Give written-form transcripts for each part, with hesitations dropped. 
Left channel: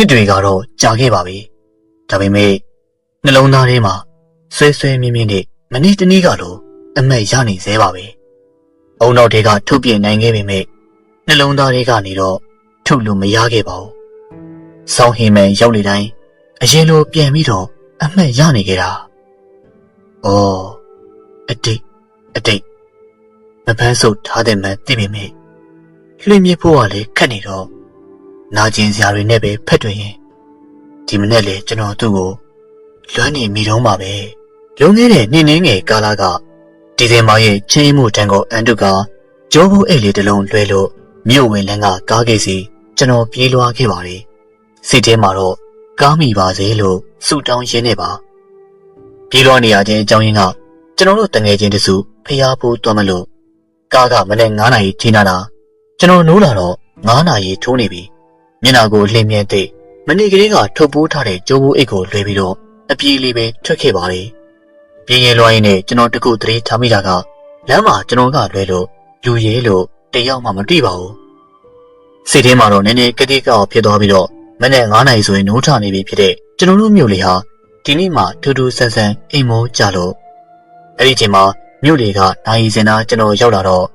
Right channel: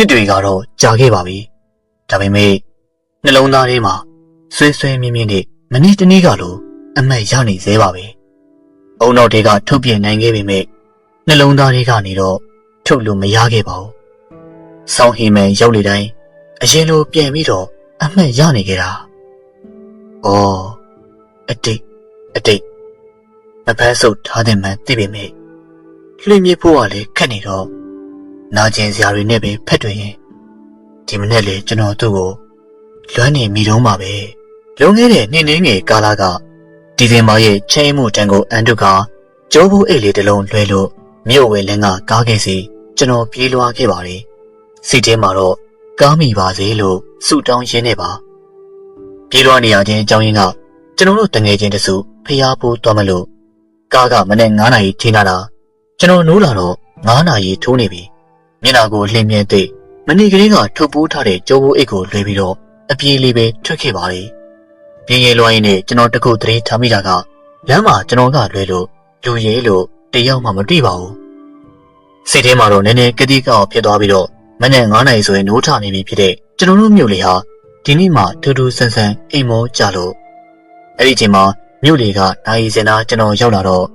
နှစ်တွေကတော့ကြာခဲ့ပါပြီဒါပေမဲ့နှလုံးသားထဲမှာဆွေးဆွေးမြင်းမြင်းနဲ့မနေ့တနေ့ကလိုအမက်ရနေသေးပါပဲအုံနောက်တွေကထုတ်ပြနိုင်ခဲ့ပေမဲ့နှလုံးသားတွေကနေတော့ထုတ်လို့မရခဲ့ပါဘူးဆောင်းဟိမဲရောက်လေတိုင်းအရင်လိုပြန်ပြီးတော့အမှတ်ရနေကြတာ။အော်အတိတ်မဖန်းဆုပ်ထားတဲ့မှန်သိပေမဲ့လွှင့်မြစ်ဖို့ကလည်းခက်နေတော့နာကျင်စရာတွေနဲ့ပဲဖက်တွင်ရင်ဒီမနေ့လေကျွန်တော်တို့ကိုလွမ်းနေမိတော့မှာပဲလွန်ခဲ့တဲ့နှစ်ငယ်ကာလကဒီဇင်ဘာရဲ့ချင်းမှုတန်ကိုအန်တုကကြောဘူးအိတ်လေးတစ်လုံးလွှဲလို့မြို့ဝဲလန်းကကားခဲ့စီကျွန်တော်ပြေးလွှားခဲ့ပါတယ်စိတ်ထဲမှာတော့ကားမိပါစေလို့ဆုတောင်းရင်းနေပါပြေးလွှားနေရခြင်းအကြောင်းရင်းကကျွန်တော်တို့တငယ်ချင်းတစုဖျားဖို့သွားမလို့ကားကမနေ့9နာရီထိန်းလာတာကျွန်တော်နိုးလာတော့9နာရီထိုးနေပြီမျက်နှာကိုလှင်းမြဲသိမနေ့ကလေးကထုတ်ပိုးထားတဲ့ကြောဘူးအိတ်ကိုလွှဲပြီးတော့အပြေးလေးပဲထွက်ခဲ့ပါလေပြေးရဲလွှားရင်းနဲ့ကျွန်တော်တခုသတိထားမိတာကလမ်းမှာကျွန်တော်ကလွှဲလို့လူရဲလို့တယောက်မှမတွေ့ပါဘူးစိတ်ထဲမှာတော့နည်းနည်းကတိကောက်ဖြစ်သွားပြီးတော့မနေ့9နာရီဆိုရင်နိုးထနေပြီဖြစ်တဲ့ကျွန်တော်တို့မြို့လေးဟာဒီနေ့မှထူးထူးဆန်းဆန်းအိမ်မိုးကြလို့အဲ့ဒီချိန်မှာမြို့လေးကနိုင်စင်နာကျွန်တော်ရောက်လာတော့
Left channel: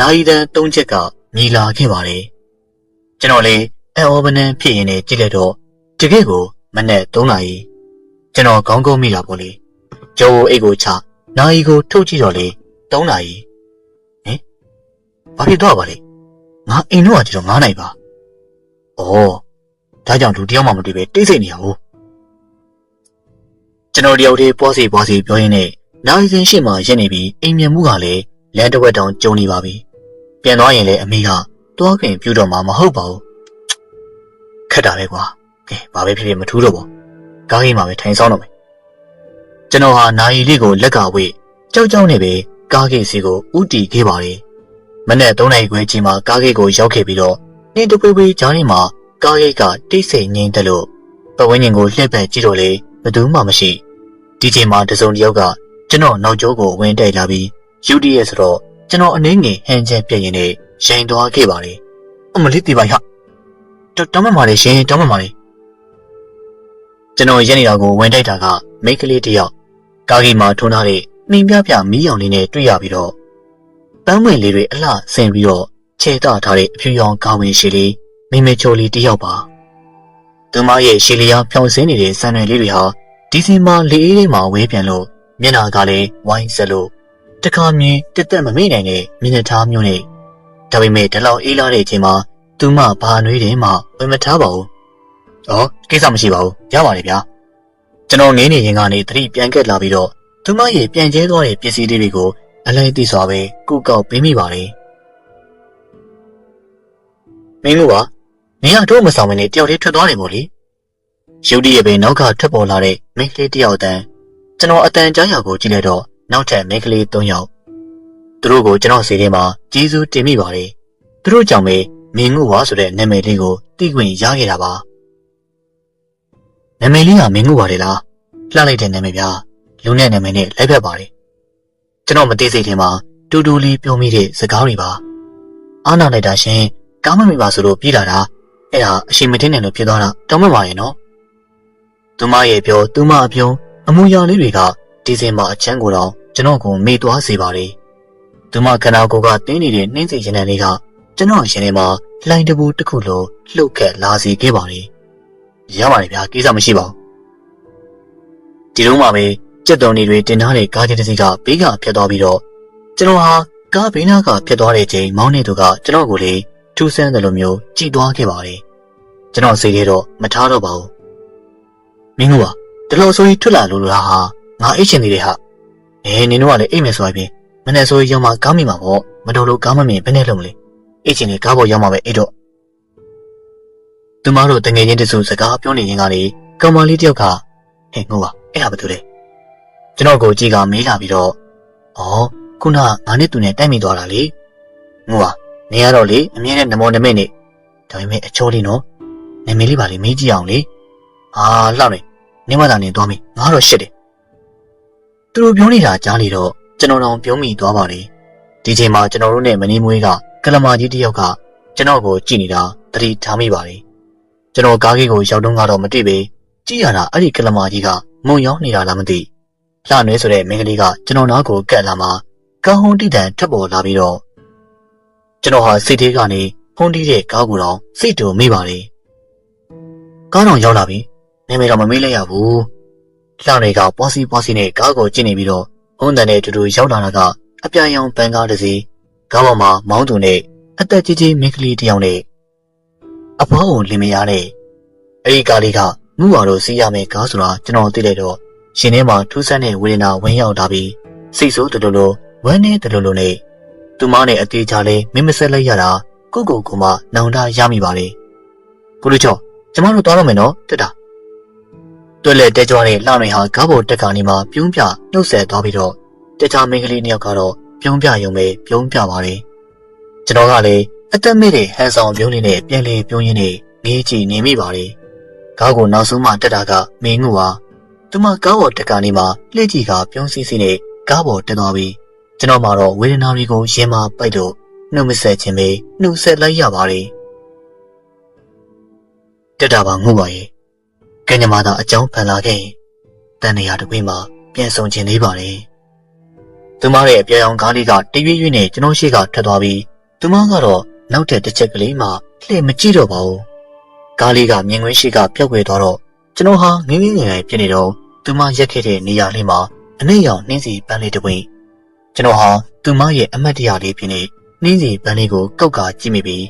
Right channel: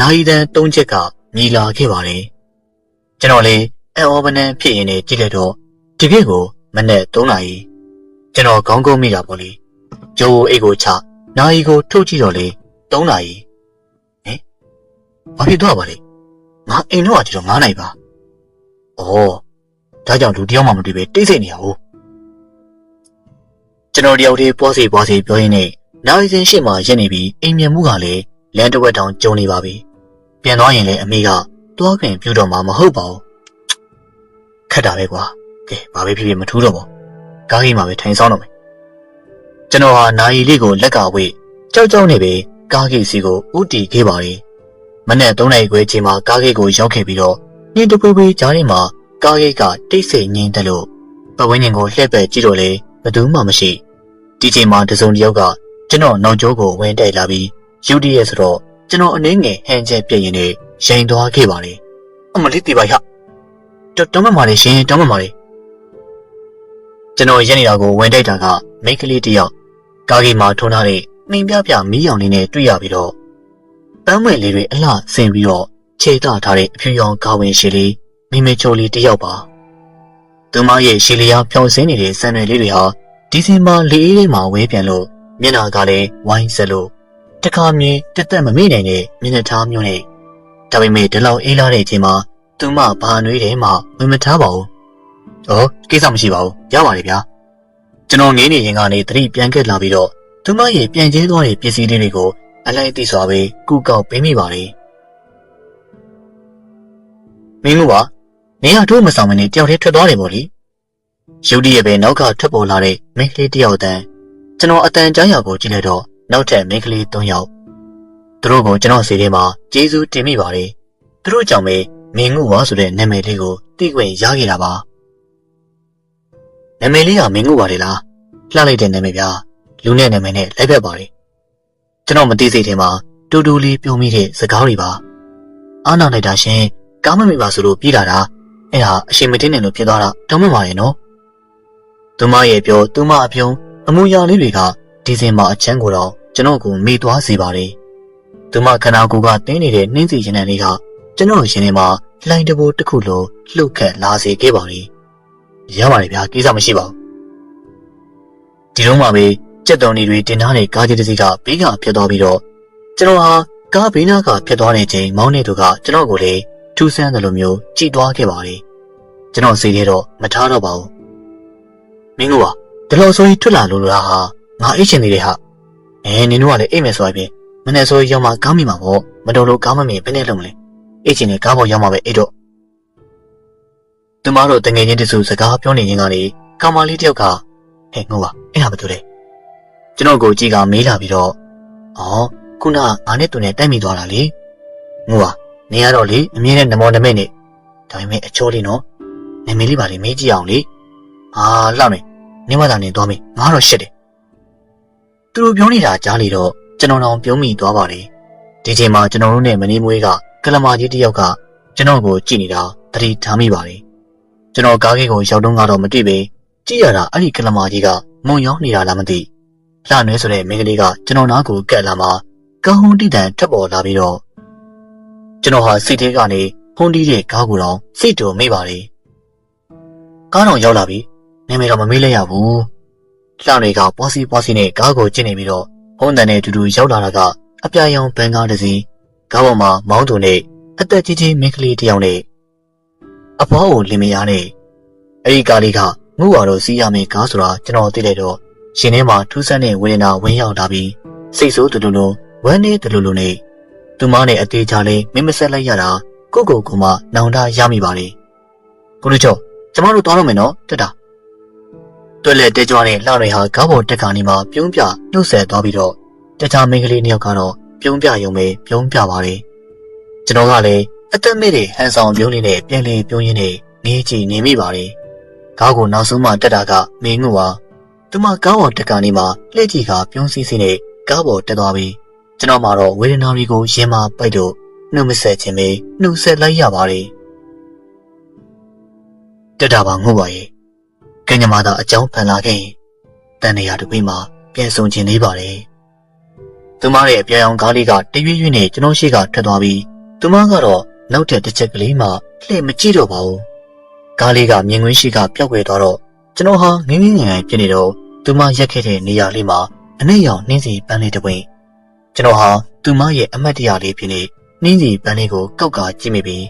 နိုင်တန်း3ချက်ကမြည်လာခဲ့ပါတယ်ကျွန်တော်လည်းအော်ဘနန်ဖြစ်ရင်လည်းကြည့်လိုက်တော့တကယ်ကိုမနေ့3နာရီကျွန်တော်ခေါင်းကုန်းမိတာပေါ့လေကျိုးအိတ်ကိုချနိုင်ကိုထုတ်ကြည့်တော့လေ3နာရီဟင်ဘာဖြစ်သွားပါလဲငါအိမ်တော့ကျွန်တော်9နာရီပါအော်ဒါကြောင့်လူတယောက်မှမတွေ့ပဲတိတ်ဆိတ်နေအောင်ကျွန်တော်တယောက်တည်းပွားစီပြောရင်းနဲ့နိုင်စင်ရှိမှရက်နေပြီးအိမ်မြန်မှုကလည်းလမ်းတစ်ဝက်တောင်ကျုံနေပါပြီပြန်သွားရင်လည်းအမေကတွားခင်ပြူတော့မှာမဟုတ်ပါဘူးခက်တာပဲကွာကဲဘာပဲဖြစ်ဖြစ်မထူးတော့ပါကားကြီးမှာပဲထိုင်ဆောင်တော့မယ်ကျွန်တော်ဟာနိုင်လေးကိုလက်ကဝေးကြောက်နေပြီကားကြီးစီကိုဥတီခဲ့ပါလေမနေ့3နာရီခွဲချိန်မှာကားကြီးကိုရောက်ခဲ့ပြီးတော့နှင်းတပွေးပွေးကြားထဲမှာကားကြီးကတိတ်ဆိတ်ငြိမ်တယ်လို့ပတ်ဝန်းကျင်ကိုလှည့်ပတ်ကြည့်တော့လေဘယ်သူမှမရှိဒီချိန်မှာတစုံတစ်ယောက်ကကျွန်တော်နောက်ကျောကိုဝင်တိုက်လာပြီးယူတီရဲ့ဆိုတော့ကျွန်တော်အနေငယ်ဟန်ချက်ပြည့်ရင်နဲ့ရှိန်သွားခဲ့ပါလေအမလေးတေးပါရတောင်းမှမာလေရှင်တောင်းမှမာလေကျွန်တော်ရက်နေတာကိုဝင်တိုက်တာကမိန်းကလေးတစ်ယောက်ကားကြီးမှာထုံထားတဲ့နှင်းပြမီးရောင်လေးနဲ့တွေ့ရပြီးတော့ပန်းမွင့်လေးတွေအလှဆင်ပြီးတော့ခြေတထားတဲ့အဖြူရောင်ကားဝင်ရှည်လေးမိမေချိုလေးတစ်ယောက်ပါသူမရဲ့ရှည်လျားဖြောင်းစင်းနေတဲ့ဆန်ရွယ်လေးတွေဟာဒီဇင်ဘာလေးအေးလေးမှာဝဲပြန်လို့မျက်နှာကလည်းဝိုင်းဆက်လို့တခါမြည်တက်တက်မမေ့နိုင်တဲ့မျက်နှာထားမျိုးနဲ့ဒါပေမဲ့ဒီလောက်အေးလာတဲ့အချိန်မှာသူမဘာနွေးတယ်မှဝင်မထားပါဘူး။အော်ကိစ္စမရှိပါဘူး။ရပါလေဗျာ။ကျွန်တော်နေနေရင်ကနေသတိပြန်ကက်လာပြီးတော့သူမရဲ့ပြန်ကျဲသွားတဲ့ပစ္စည်းလေးတွေကိုအလိုက်သိစွာပဲကုကောက်ပေးမိပါလေ။မင်းတို့ကနေရတို့မဆောင်မနေတယောက်တည်းထွက်သွားတယ်မို့လေ။ရုတ်တရက်ပဲနောက်ကထွက်ပေါ်လာတဲ့မိန်းကလေးတစ်ယောက်တန်းကျွန်တော်အတန်ကြားရောက်ကိုကြည့်လိုက်တော့နောက်ထပ်မိန်းကလေး3ယောက်သူတို့ကိုကျွန်တော်စီထဲမှာကျေးဇူးတင်မိပါတယ်သူတို့ကြောင့်ပဲမင်းငုဝါဆိုတဲ့နာမည်လေးကိုသိခွင့်ရခဲ့တာပါနာမည်လေးကမင်းငုဝါလေလားလှလိုက်တဲ့နာမည်ဗျာလူနဲ့နာမည်နဲ့လိုက်ဖက်ပါတယ်ကျွန်တော်မသိစိတ်ထဲမှာတူတူလေးပြောမိတဲ့စကားတွေပါအားနာလိုက်တာရှင်ကောင်းမမိပါဆိုလို့ပြေးလာတာအဲ့ဒါအရှိမတင်တယ်လို့ဖြစ်သွားတာတောင်းမှပါရဲ့နော်သူမရဲ့ပြောသူမအပြုံးအမူအရာလေးတွေကဒီဇင်ဘာအချမ်းကိုတော့ကျွန်တော်ကိုမေ့သွားစေပါလေ။သူမခန္ဓာကိုယ်ကတင်းနေတဲ့နှင်းစီရင်တန်လေးကကျွန်တော်ရင်ထဲမှာလှိုင်းတဘိုးတစ်ခုလိုလှုပ်ခတ်လာစေခဲ့ပါလေ။ရပါတယ်ဗျာကိစ္စမရှိပါဘူး။ဒီလုံးမှာပဲကြက်တုံတွေတင်ထားတဲ့ကားကြီးတစ်စီးကဘေးကဖြတ်သွားပြီးတော့ကျွန်တော်ဟာကားဘေးနားကဖြတ်သွားတဲ့ချိန်မောင်းနေသူကကျွန်တော်ကိုလည်းထူးဆန်းတယ်လို့မျိုးကြည်သွားခဲ့ပါလေ။ကျွန်တော်စိတ်ထဲတော့မထားတော့ပါဘူး။မင်းကဒီလိုဆိုရင်ထွက်လာလို့လားဟာငါအိတ်ချင်နေတယ်ဟာနင်တို့ကလည်းအိတ်မယ်ဆိုရင်မနေ့ဆိုရောက်မှကောင်းမိမှာပေါ့မတော်လို့ကောင်းမမြင်ဘယ်နဲ့လုံးလဲအိတ်ချင်နေကားပေါ်ရောက်မှပဲအိတ်တော့သူမတို့တငယ်ချင်းတစုစကားပြောနေရင်ကနေကောင်မလေးတယောက်ကဟဲ့ငို့ပါအဲ့ဒါဘာတူလဲကျွန်တော်ကိုကြည့်ကမေးလာပြီးတော့အော်ခုနငါနဲ့သူနဲ့တိုက်မိသွားတာလေငို့ပါနေရတော့လေအမြဲတမ်းနမောနမဲနဲ့ဒါပေမဲ့အချိုးလေးနော်နာမည်လေးပါလေမေးကြည့်အောင်လေဟာလောက်နေမသာနေသွားမေးငါတော့ရှစ်တယ်သူတို့ပြောနေတာကြားလေတော့ကျွန်တော်တော့ပြုံးမိသွားပါတယ်ဒီချိန်မှာကျွန်တော်တို့နဲ့မင်းမွေးကကလမာကြီးတယောက်ကကျွန်တော်ကိုကြည့်နေတာသတိထားမိပါတယ် ကျွန်တော်ကားကြီးကိုရောက်တော့ကတော့မတွေ့ပဲကြည့်ရတာအဲ့ဒီကလမာကြီးကမုံရောက်နေတာလားမသိလှနွေးဆိုတဲ့မင်းကလေးကကျွန်တော်နားကိုကက်လာမှကားဟုံးတိတန်ထပ်ပေါ်လာပြီးတော့ကျွန်တော်ဟာစိတ်ထဲကနေဖုန်းတီးတဲ့ကားကိုတော့စိတ်တူမိပါလေကားတော့ရောက်လာပြီနာမည်တော့မမေးလိုက်ရဘူးလှနွေးကပွားစီနဲ့ကားကိုကျင့်နေပြီးတော့ဖုန်းတန်နဲ့တူတူရောက်လာတာကအပြာရောင်ပန်းကားတစ်စီးကားပေါ်မှာမောင်းသူနဲ့အသက်ကြီးကြီးမင်းကလေးတစ်ယောက်နဲ့အဖွားကိုလင်မယားနဲ့အဲ့ဒီကားလေးကငုဝါတို့စီးရမယ်ကားဆိုတာကျွန်တော်သိလိုက်တော့ရှင်ထဲမှာထူးဆန်းတဲ့ဝေဒနာဝင်ရောက်လာပြီးစိတ်ဆိုးတူလိုဝမ်းနေတူလိုနဲ့သူမနဲ့အသေးချာလေးမင်းမဆက်လိုက်ရတာကိုကမှနောင်တရမိပါလေကိုလူကျော်ကျမတို့သွားတော့မယ်နော်တက်တာတွဲလက်တဲကြွားတဲ့လှတွေဟာကားပေါ်တက်ကနေမှပြုံးပြနှုတ်ဆက်သွားပြီးတော့တခြားမိန်းကလေးနှစ်ယောက်ကတော့ပြုံးပြရုံပဲပြုံးပြပါလေကျွန်တော်ကလည်းအသက်မဲ့တဲ့ဟန်ဆောင်ပြုံးလေးနဲ့ပြန်လည်ပြုံးရင်းနဲ့ငေးကြည့်နေမိပါလေကားကိုနောက်ဆုံးမှတက်တာကမင်းငူပါသူမကားပေါ်တက်ကနေမှလှည့်ကြည့်ကပြုံးစီးနဲ့ကားပေါ်တက်သွားပြီးကျွန်တော်မှတော့ဝေဒနာတွေကိုရင်မပိုက်တော့နှုတ်မဆက်ခြင်းပဲနှုတ်ဆက်လိုက်ရပါလေတက်တာပါငုတ်ပါရဲ့ကညမာသာအကြောင်းဖန်လာခဲ့ရင်တန်နေရတပိမှာပြန်ဆုံခြင်းလေးပါလေသူမရဲ့အပြောင်အောင်ကားလေးကတရွေ့ရွေ့နဲ့ကျွန်တော်ရှိကထွက်သွားပြီးသူမကတော့နောက်ထပ်တစ်ချက်ကလေးမှလှည့်မကြည့်တော့ပါဘူးကားလေးကမြင်ကွင်းရှိကပျောက်ကွယ်သွားတော့ကျွန်တော်ဟာငင်းငင်းငယ်ငယ်ဖြစ်နေတော့သူမရက်ခဲ့တဲ့နေရာလေးမှာအနည်းရောင်နှင်းစီပန်းလေးတစ်ပွင့်ကျွန်တော်ဟာသူမရဲ့အမတ်တရလေးဖြစ်နေနှင်းစီပန်းလေးကိုကောက်ကကြည့်မိပြီး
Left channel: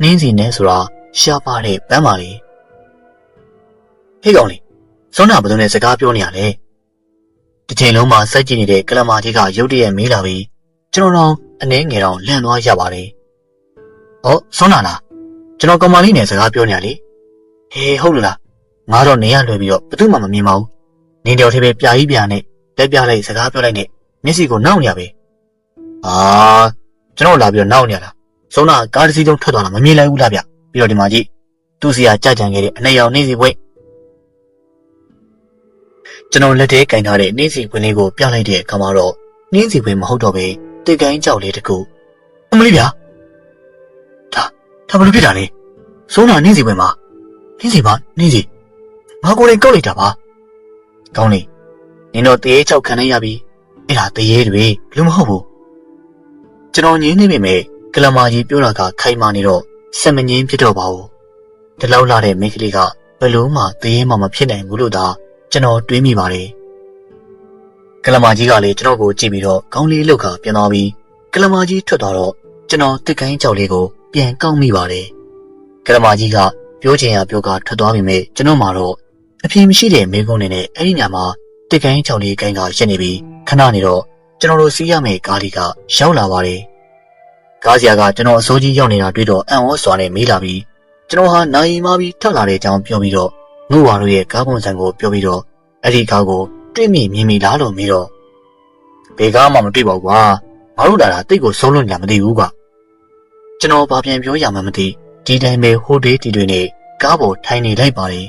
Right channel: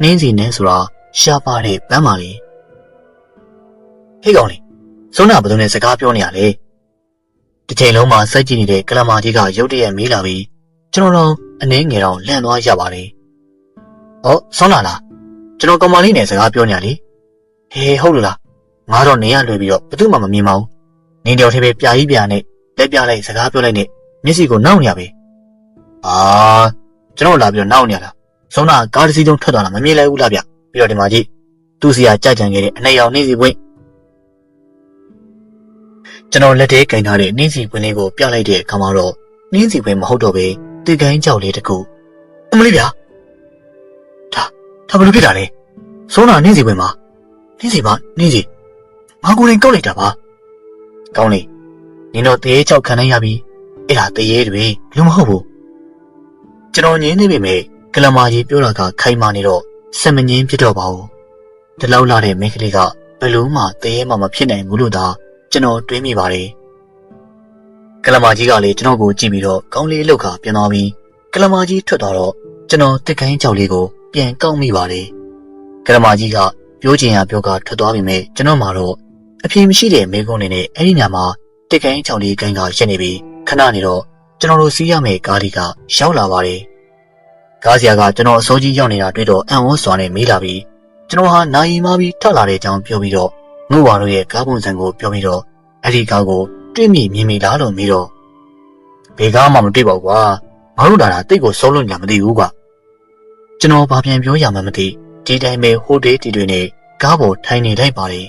နှင်းစီနဲ့ဆိုတာရှားပါတဲ့ပန်းပါလေဟေးကောင်လေးစောနာဘယ်လိုနဲ့စကားပြောနေရလဲတစ်ချိန်လုံးမှာစက်ကြည့်နေတဲ့ကလမာကြီးကရုတ်တရက်မေးလာပြီးကျွန်တော်တော့အနည်းငယ်တော့လန့်သွားရပါတယ်ဟောစောနာလားကျွန်တော်ကောင်မလေးနဲ့စကားပြောနေရလေဟေးဟုတ်လားငါတော့နေရလွေပြီးတော့ဘယ်သူမှမမြင်ပါဘူးနင်းတယောက်တည်းပဲပြာကြီးပြာနဲ့လက်ပြလိုက်စကားပြောလိုက်နဲ့မျက်စိကိုနှောက်နေရပဲကျွန်တော်လာပြီးတော့နှောက်နေရတာစောနာကားတစ်စီးလုံးထွက်သွားတာမမြင်လိုက်ဘူးလားဗျပြီးတော့ဒီမှာကြည့်သူ့စီကကြကြံခဲ့တဲ့အနှဲရောင်နှင်းစီပွင့်ကျွန်တော်လက်ထဲကင်ထားတဲ့နှင်းစီပွင့်လေးကိုပြလိုက်တဲ့အခါမှာတော့နှင်းစီပွင့်မဟုတ်တော့ပဲတစ်ကိုင်းကြောက်လေးတကူအမလေးဗျာဒါဘယ်လိုဖြစ်တာလဲစောနာနှင်းစီပွင့်မှာနှင်းစီငါကိုယ်တိုင်ကုတ်လိုက်တာပါကောင်းလေနင်တော့တရေချောက်ခံနိုင်ရပြီအဲ့ဒါတရေတွေလူမဟုတ်ဘူးကျွန်တော်ငင်းနေပေမဲ့ကလမာကြီးပြောတာကခိုင်မာနေတော့စက်မငင်းဖြစ်တော့ပါဘူးဒီလောက်လာတဲ့မိန်းကလေးကဘယ်လို့မှတရေမှမဖြစ်နိုင်ဘူးလို့သာကျွန်တော်တွေးမိပါတယ်ကလမာကြီးကလည်းကျွန်တော်ကိုကြည့်ပြီးတော့ခေါင်းလေးလှုပ်ခါပြန်သွားပြီးကလမာကြီးထွက်သွားတော့ကျွန်တော်တစ်ကိုင်းကြောက်လေးကိုပြန်ကောက်မိပါတယ်ကလမာကြီးကပြောချင်ရပြောကထွက်သွားပြီမဲ့ကျွန်တော်မှတော့အပြင်းမရှိတဲ့မိကုန်းနေနဲ့အဲ့ဒီညမှာတစ်ကိုင်းကြောက်လေးကိုင်းကရှင်းနေပြီးခဏနေတော့ကျွန်တော်တို့စီးရမယ့်ကားလေးကရောက်လာပါတယ်ကားဆရာကကျွန်တော်အစိုးကြီးရောက်နေတာတွေ့တော့အံ့ဩစွာနဲ့မေးလာပြီးကျွန်တော်ဟာနိုင်မပြီးထွက်လာတဲ့အကြောင်းပြောပြီးတော့ငုဝါတို့ရဲ့ကားပုံစံကိုပြောပြီးတော့အဲ့ဒီကားကိုတွေ့မြင်မြင်မိလားလို့မေးတော့ဘယ်ကားမှမတွေ့ပါဘူးကွာငါတို့လာတာတိတ်ကိုစိုးလို့ညာမသိဘူးကွာကျွန်တော်ဘာပြန်ပြောရမှမသိဒီတိုင်းပဲဟိုတေးတီတွေနဲ့ကားပေါ်ထိုင်နေလိုက်ပါတယ်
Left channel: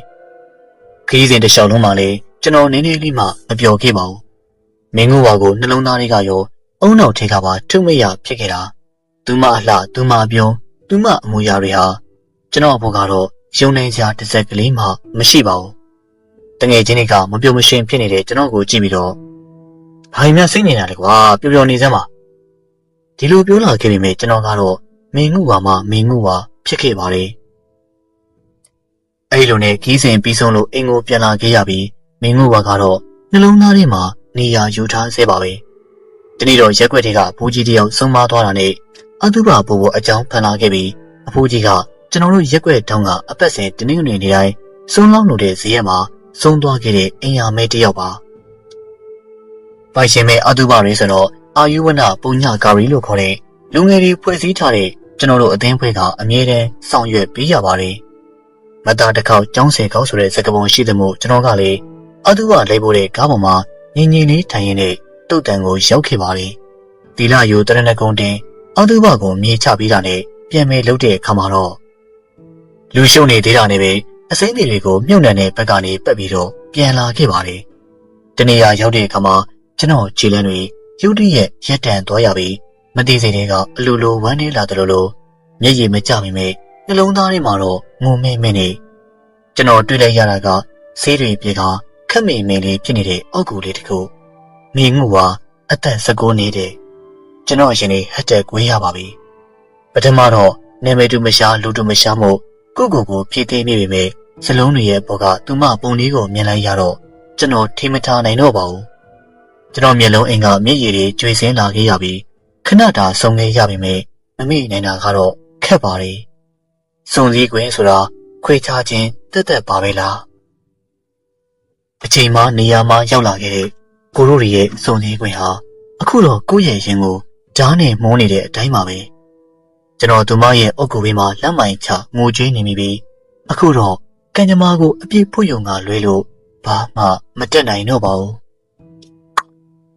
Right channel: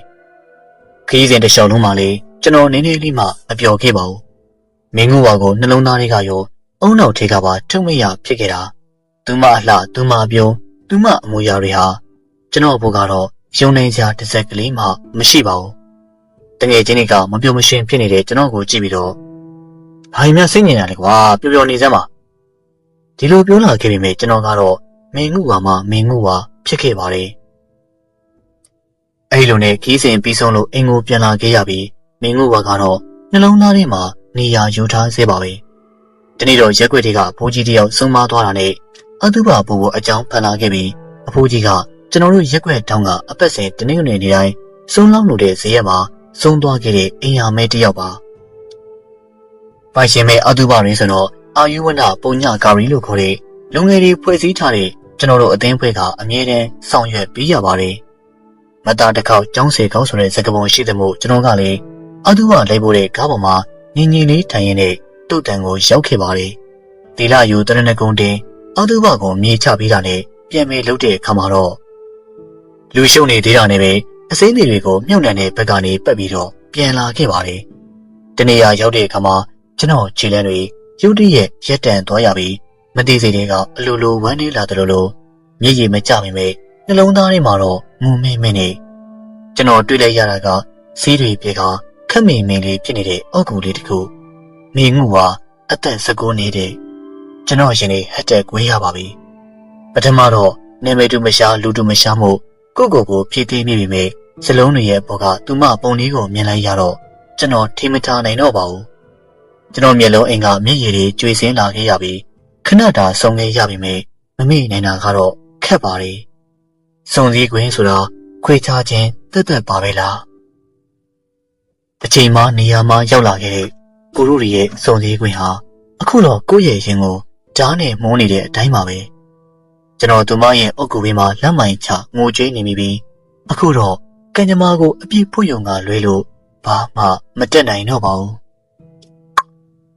ခရီးစဉ်တစ်လျှောက်လုံးမှာလည်းကျွန်တော်နည်းနည်းလေးမှမပြောခဲ့ပါဘူးမင်းငုဝါကိုနှလုံးသားတွေကရောအုံနောက်ထဲကပါထုံမရဖြစ်ခဲ့တာသူမအလှသူမပြုံးသူမအမူအရာတွေဟာကျွန်တော်အဖို့ကတော့ယုံနိုင်စရာတစ်စက်ကလေးမှမရှိပါဘူးတငယ်ချင်းတွေကမပြုံမရှင်းဖြစ်နေတဲ့ကျွန်တော်ကိုကြည့်ပြီးတော့ဘာမှစိတ်ညစ်နေတယ်ကွာပျော်ပျော်နေစမ်းပါဒီလိုပြောလာခဲ့ပေမဲ့ကျွန်တော်ကတော့မင်းငုဝါမှမင်းငုဝါဖြစ်ခဲ့ပါတယ်အဲ့လိုနဲ့ခီးစဉ်ပြီးဆုံးလို့အိမ်ကိုပြန်လာခဲ့ရပြီးမင်းငုဝါကတော့နှလုံးသားထဲမှာနေရာယူထားဆဲပါပဲဒီနေ့တော့ရက်ွက်တွေကဘူးကြီးတယောက်ဆုံးမသွားတာနဲ့အတုပဘိုးကိုအကြောင်းဖန်လာခဲ့ပြီးအဖိုးကြီးကကျွန်တော်တို့ရက်ွက်တောင်းကအပတ်စဉ်တနင်္ဂနွေနေ့တိုင်းဆုံးလောက်လို့တဲ့ဈေးရက်မှာဆုံးသွားခဲ့တဲ့အင်ယာမဲတယောက်ပါပိုင်ရှင်မဲအတုပရဲဆိုတော့အာယုဝနပုံညကာရီလို့ခေါ်တဲ့လူငယ်တွေဖွဲ့စည်းထားတဲ့ကျွန်တော်တို့အသင်းဖွဲ့ကအမြဲတမ်းဆောင်ရွက်ပေးရပါတယ်မတားတစ်ခေါက်ကျောင်းစီကောက်ဆိုတဲ့စကားပုံရှိတဲ့မှုကျွန်တော်ကလေအတုပလိုက်ဖို့တဲ့ကားပေါ်မှာငင်းငင်းလေးထိုင်ရတဲ့တုတ်တန်ကိုရောက်ခဲ့ပါတယ်ဒီလာယူတရဏဂုံတင်အတုပကိုမြေချပြီးတာနဲ့ပြန်မဲလှုပ်တဲ့အခါမှာတော့လူရှုံနေသေးတာနဲ့ပဲအစိမ်းတွေကိုမြုပ်နှံတဲ့ဘက်ကနေပတ်ပြီးတော့ပြန်လာခဲ့ပါတယ်တနေရာရောက်တဲ့အခါမှာကျွန်တော်ခြေလမ်းတွေရုတ်တရက်ရက်တန်သွားရပြီးမသိစိတ်တွေကအလိုလိုဝမ်းနေလာတယ်လို့မျက်ရည်မကျမိမဲ့နှလုံးသားထဲမှာတော့ငုံမဲမဲနဲ့ ကျွန်တော်တွေ့လိုက်ရတာကဆေးတွေပြေကခက်မင်မင်လေးဖြစ်နေတဲ့အောက်ကူလေးတခုမင်းငူကအသက်19နှစ်ကျွန်တော်ရှင်နေဟတ်တက်ကွေးရပါပြီပထမတော့နေမေတူမရှာလူတူမရှာမှုကိုဖြည့်သိမ်းမိပေမဲ့စလုံးတွေရဲ့ဘောကသူမပုံလေးကိုမြင်လိုက်ရတော့ကျွန်တော်ထိမထားနိုင်တော့ပါဘူးကျွန်တော်မျက်လုံးအိမ်ကမျက်ရည်တွေကျွေစင်းလာခဲ့ရပြီးခဏတာဆုံခဲ့ရပေမဲ့မမိနိုင်တာကတော့ခက်ပါလေစုံစည်းခွင့်ဆိုတာခွဲခြားခြင်းတက်ပါပဲလားတစ်ချိန်မှနေရာမှာရောက်လာခဲ့တဲ့ကိုရိုရီရဲ့စုံစည်းခွင့်ဟာအခုတော့ကိုယ့်ရဲ့ရင်ကိုဓာတ်နဲ့မှုန်းနေတဲ့အတိုင်းပါပဲကျွန်တော်သူမရဲ့အုတ်ကူဘေးမှာလက်မိုင်ချငိုကြွေးနေမိပြီးအခုတော့ကံကြမ္မာကိုအပြည့်ဖွယုံကလွဲလို့ဘာမှမတက်နိုင်တော့ပါဘူး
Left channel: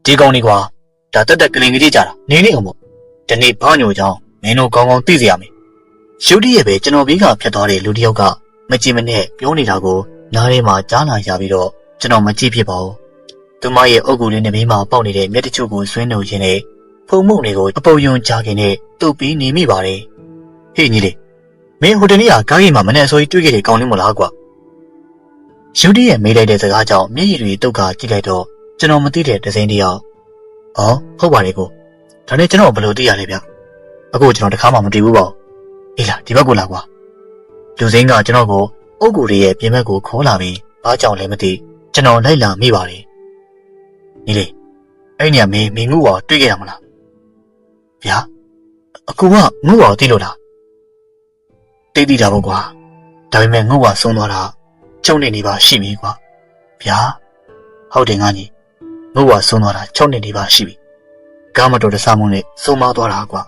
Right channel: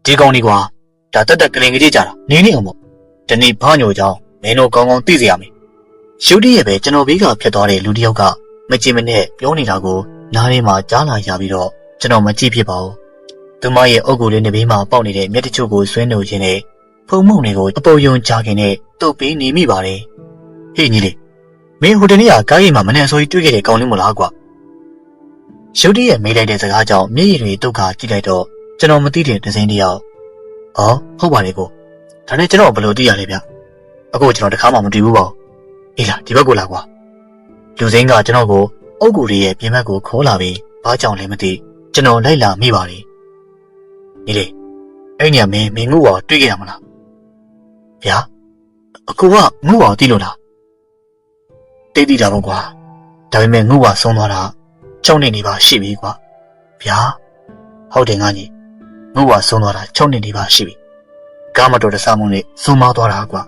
ဒီကောင်လေးကွာဒါတက်ကလင်ကလေးကြတာနေနေအောင်ပေါ့ဒီနေ့ဘာညိုကြောင်းမင်းတို့ကောင်းကောင်းသိစေရမယ်ရုတ်တရက်ပဲကျွန်တော်ဘေးကဖြစ်သွားတဲ့လူတစ်ယောက်ကမကြည့်မနဲ့ပြောနေတာကိုနားထဲမှာကြားလာရပြီးတော့ကျွန်တော်မကြည့်ဖြစ်ပါဘူးသူမရဲ့အုတ်ကူလေးနဲ့ဘေးမှာပေါက်နေတဲ့မျက်တချို့ကိုဆွဲနှုတ်ရင်းနဲ့ဖုံမုံတွေကိုအပုပ်ယုံကြားခင်နဲ့တုပ်ပြီးနေမိပါတယ်ဟေ့ညီလေးမင်းဟိုတနေ့ကကားကြီးမှာမနဲ့အစိုးကြီးတွေ့ခဲ့တဲ့ကောင်လေးမလားကွာရုတ်တရက်မေးလိုက်တဲ့စကားကြောင့်မျက်ရည်တွေတုတ်ခါကြည့်လိုက်တော့ကျွန်တော်မသိတဲ့ဒဇင်းတယောက်အော်ဟုတ်ပါတယ်ကိုဒါနဲ့ကျွန်တော်ဘယ်လိုသိရလဲဗျအခုကျွန်တော်တခါမှမတွေ့ဘူးပါဘူးအေးလားဒီဘက်ကိုလာကွာလူစင်းကကျွန်တော်ကိုအုတ်ကူလေးရဲ့ပြင်ဘက်ကိုခေါ်လာပြီးဘာကြောင့်လဲမသိကျွန်တော်လိုက်လာမိပါတယ်ညီလေးအဲ့နေရာမင်းငု့တွေ့ခဲ့ရမလားဗျာအကူကငု့သိလို့လားသိတာပေါ့ကွာဒါပေမဲ့ငု့ဆုံးသွားတာ6နှစ်နေပါရှိပြီကွာဗျာဟုတ်တယ်ငါကြီးငု့ဆုံးသွားတာ6နှစ်နေပါရှိပြီကားမတော်တဆမှုနဲ့ဆုံးမသွားတာကွာ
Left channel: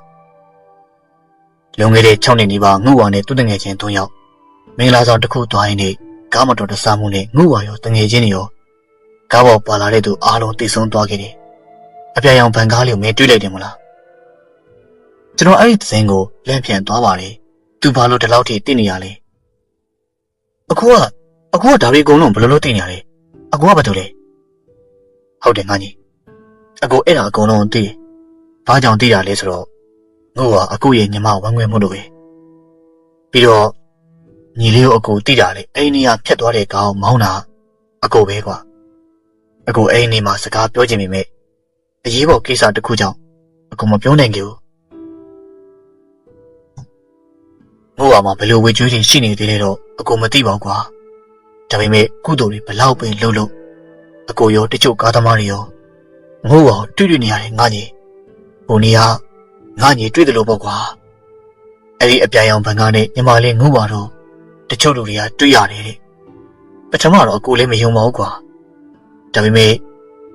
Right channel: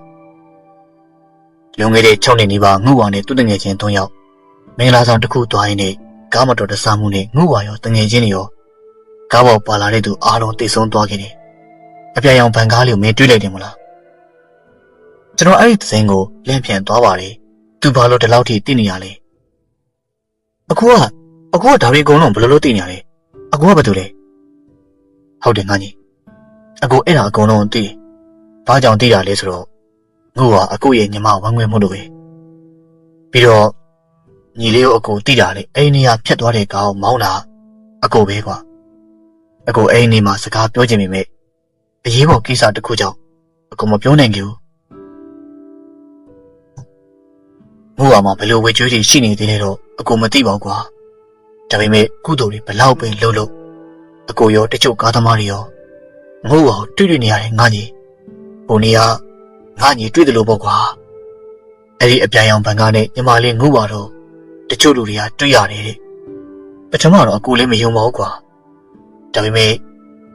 လွန်ခဲ့တဲ့6နှစ်နေပါငု့နဲ့သူ့တငယ်ချင်း3ယောက်မင်္ဂလာဆောင်တစ်ခုသွားရင်လည်းကားမတော်တဆမှုနဲ့ငု့ရောတငယ်ချင်းတွေရောကားပေါ်ပါလာတဲ့သူအားလုံးတိတ်ဆုံးသွားခဲ့တယ်အပြာရောင်ဗန်ကားလေးကိုမင်းတွေးလိုက်တယ်မလားကျွန်တော်အဲ့ဒီသတင်းကိုလန့်ပြန်သွားပါတယ်သူဘာလို့ဒီလောက်ထိသိနေရလဲအခုကဒါတွေအကုန်လုံးဘယ်လိုလုပ်သိနေရလဲအခုကဘာတူလဲဟုတ်တယ်ငါကြီးအခုအဲ့ဒါအကုန်လုံးသိတယ်ဘာကြောင့်သိတာလဲဆိုတော့ငု့အခုရဲ့ညီမဝမ်းခွဲမှုလို့ပဲပြီးတော့ညီလေးကိုအခုသိတာလေအဲ့ဒီနေရာဖြတ်သွားတဲ့ကောင်မောင်းတာအခုပဲကွာအခုအဲ့ဒီနေမှာစကားပြောချင်ပေမဲ့အရေးပေါ်ကိစ္စတစ်ခုကြောင့်အခုမပြောနိုင်ကြဘူးငု့မှာဘယ်လိုဝေကျွေးတွေရှိနေသေးလဲတော့အခုမသိပါဘူးကွာဒါပေမဲ့ကုသိုလ်တွေဘလောက်ပင်လှုပ်လို့အခုရောတချို့ကားသမားတွေရောငု့တွေ့နေရတယ်ငါကြီးဟိုနေကငါကြီးတွေ့တယ်လို့ပေါ့ကွာအဲ့ဒီအပြာရောင်ဘန်ကားနဲ့ညီမလေးငု့တော့တချို့လူတွေကတွေ့ရတယ်တဲ့ပထမတော့အကိုလေးမယုံပါဘူးကွာဒါပေမဲ့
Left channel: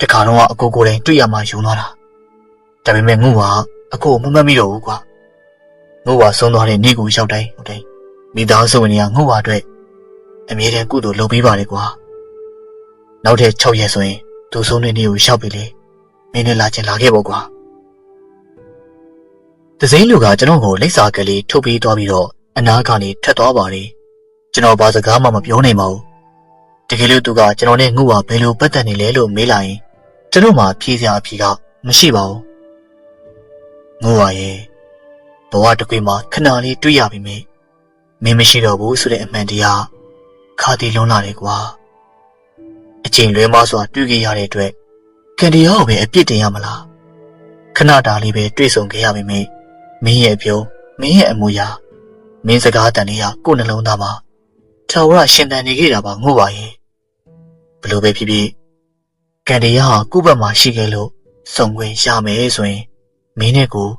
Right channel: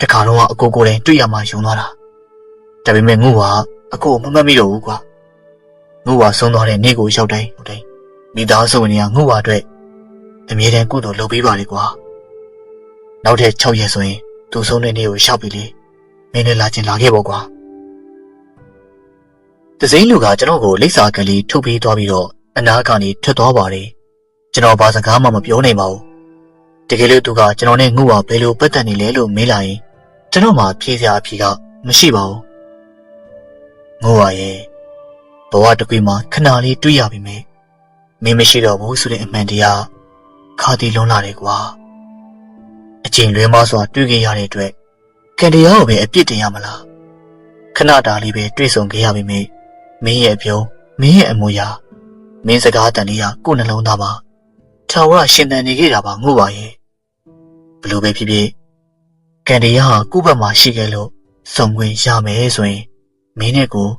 တခါတော့အကိုကိုယ်တိုင်တွေ့ရမှယုံသွားတာဒါပေမဲ့ငု့အကိုမမှတ်မိတော့ဘူးကွာငု့ဆုံးသွားတဲ့နေ့ကိုရောက်တိုင်းမိသားစုဝင်တွေကငု့အတွက်အမြဲတမ်းကုသိုလ်လုပ်ပေးပါလေကွာနောက်ထပ်6ရက်ဆိုရင်သူဆုံးတဲ့နေ့ကိုရောက်ပြီလေမင်းလည်းလာချင်လာခဲ့ပေါ့ကွာတစိမ့်လူကကျွန်တော်ကိုလိပ်စာကလေးထုတ်ပေးသွားပြီးတော့အနားကနေထွက်သွားပါတယ်ကျွန်တော်ဘာစကားမှမပြောနိုင်ပါဘူးတကယ်လို့သူကကျွန်တော်နဲ့ငု့ဘယ်လိုပတ်သက်နေလဲလို့မေးလာရင်ကျွန်တော်မှဖြေစရာအဖြေကမရှိပါဘူးငု့ရဲ့ဘဝတစ်ခွေမှာခဏလေးတွေ့ရပြီမေမင်းမရှိတော့ဘူးဆိုတဲ့အမှန်တရားခါတီလုံးလာတယ်ကွာအချိန်လွဲမစွာတွေ့ခဲ့ရတဲ့အတွက်ကံတရားကိုပဲအပြစ်တင်ရမလားခဏတာလေးပဲတွေ့ဆုံခဲ့ရပြီမေမင်းရဲ့အပြုံးမင်းရဲ့အမူအရာမင်းစကားတန်လေးဟာကိုယ်နှလုံးသားမှာထာဝရရှင်သန်နေခဲ့တာပါငု့ရဲ့ဘလို့ပဲဖြစ်ဖြစ်ကံတရားဟာကိုယ့်ဘက်မှာရှိခဲ့လို့ဆုံခွင့်ရမယ်ဆိုရင်မင်းနဲ့ကို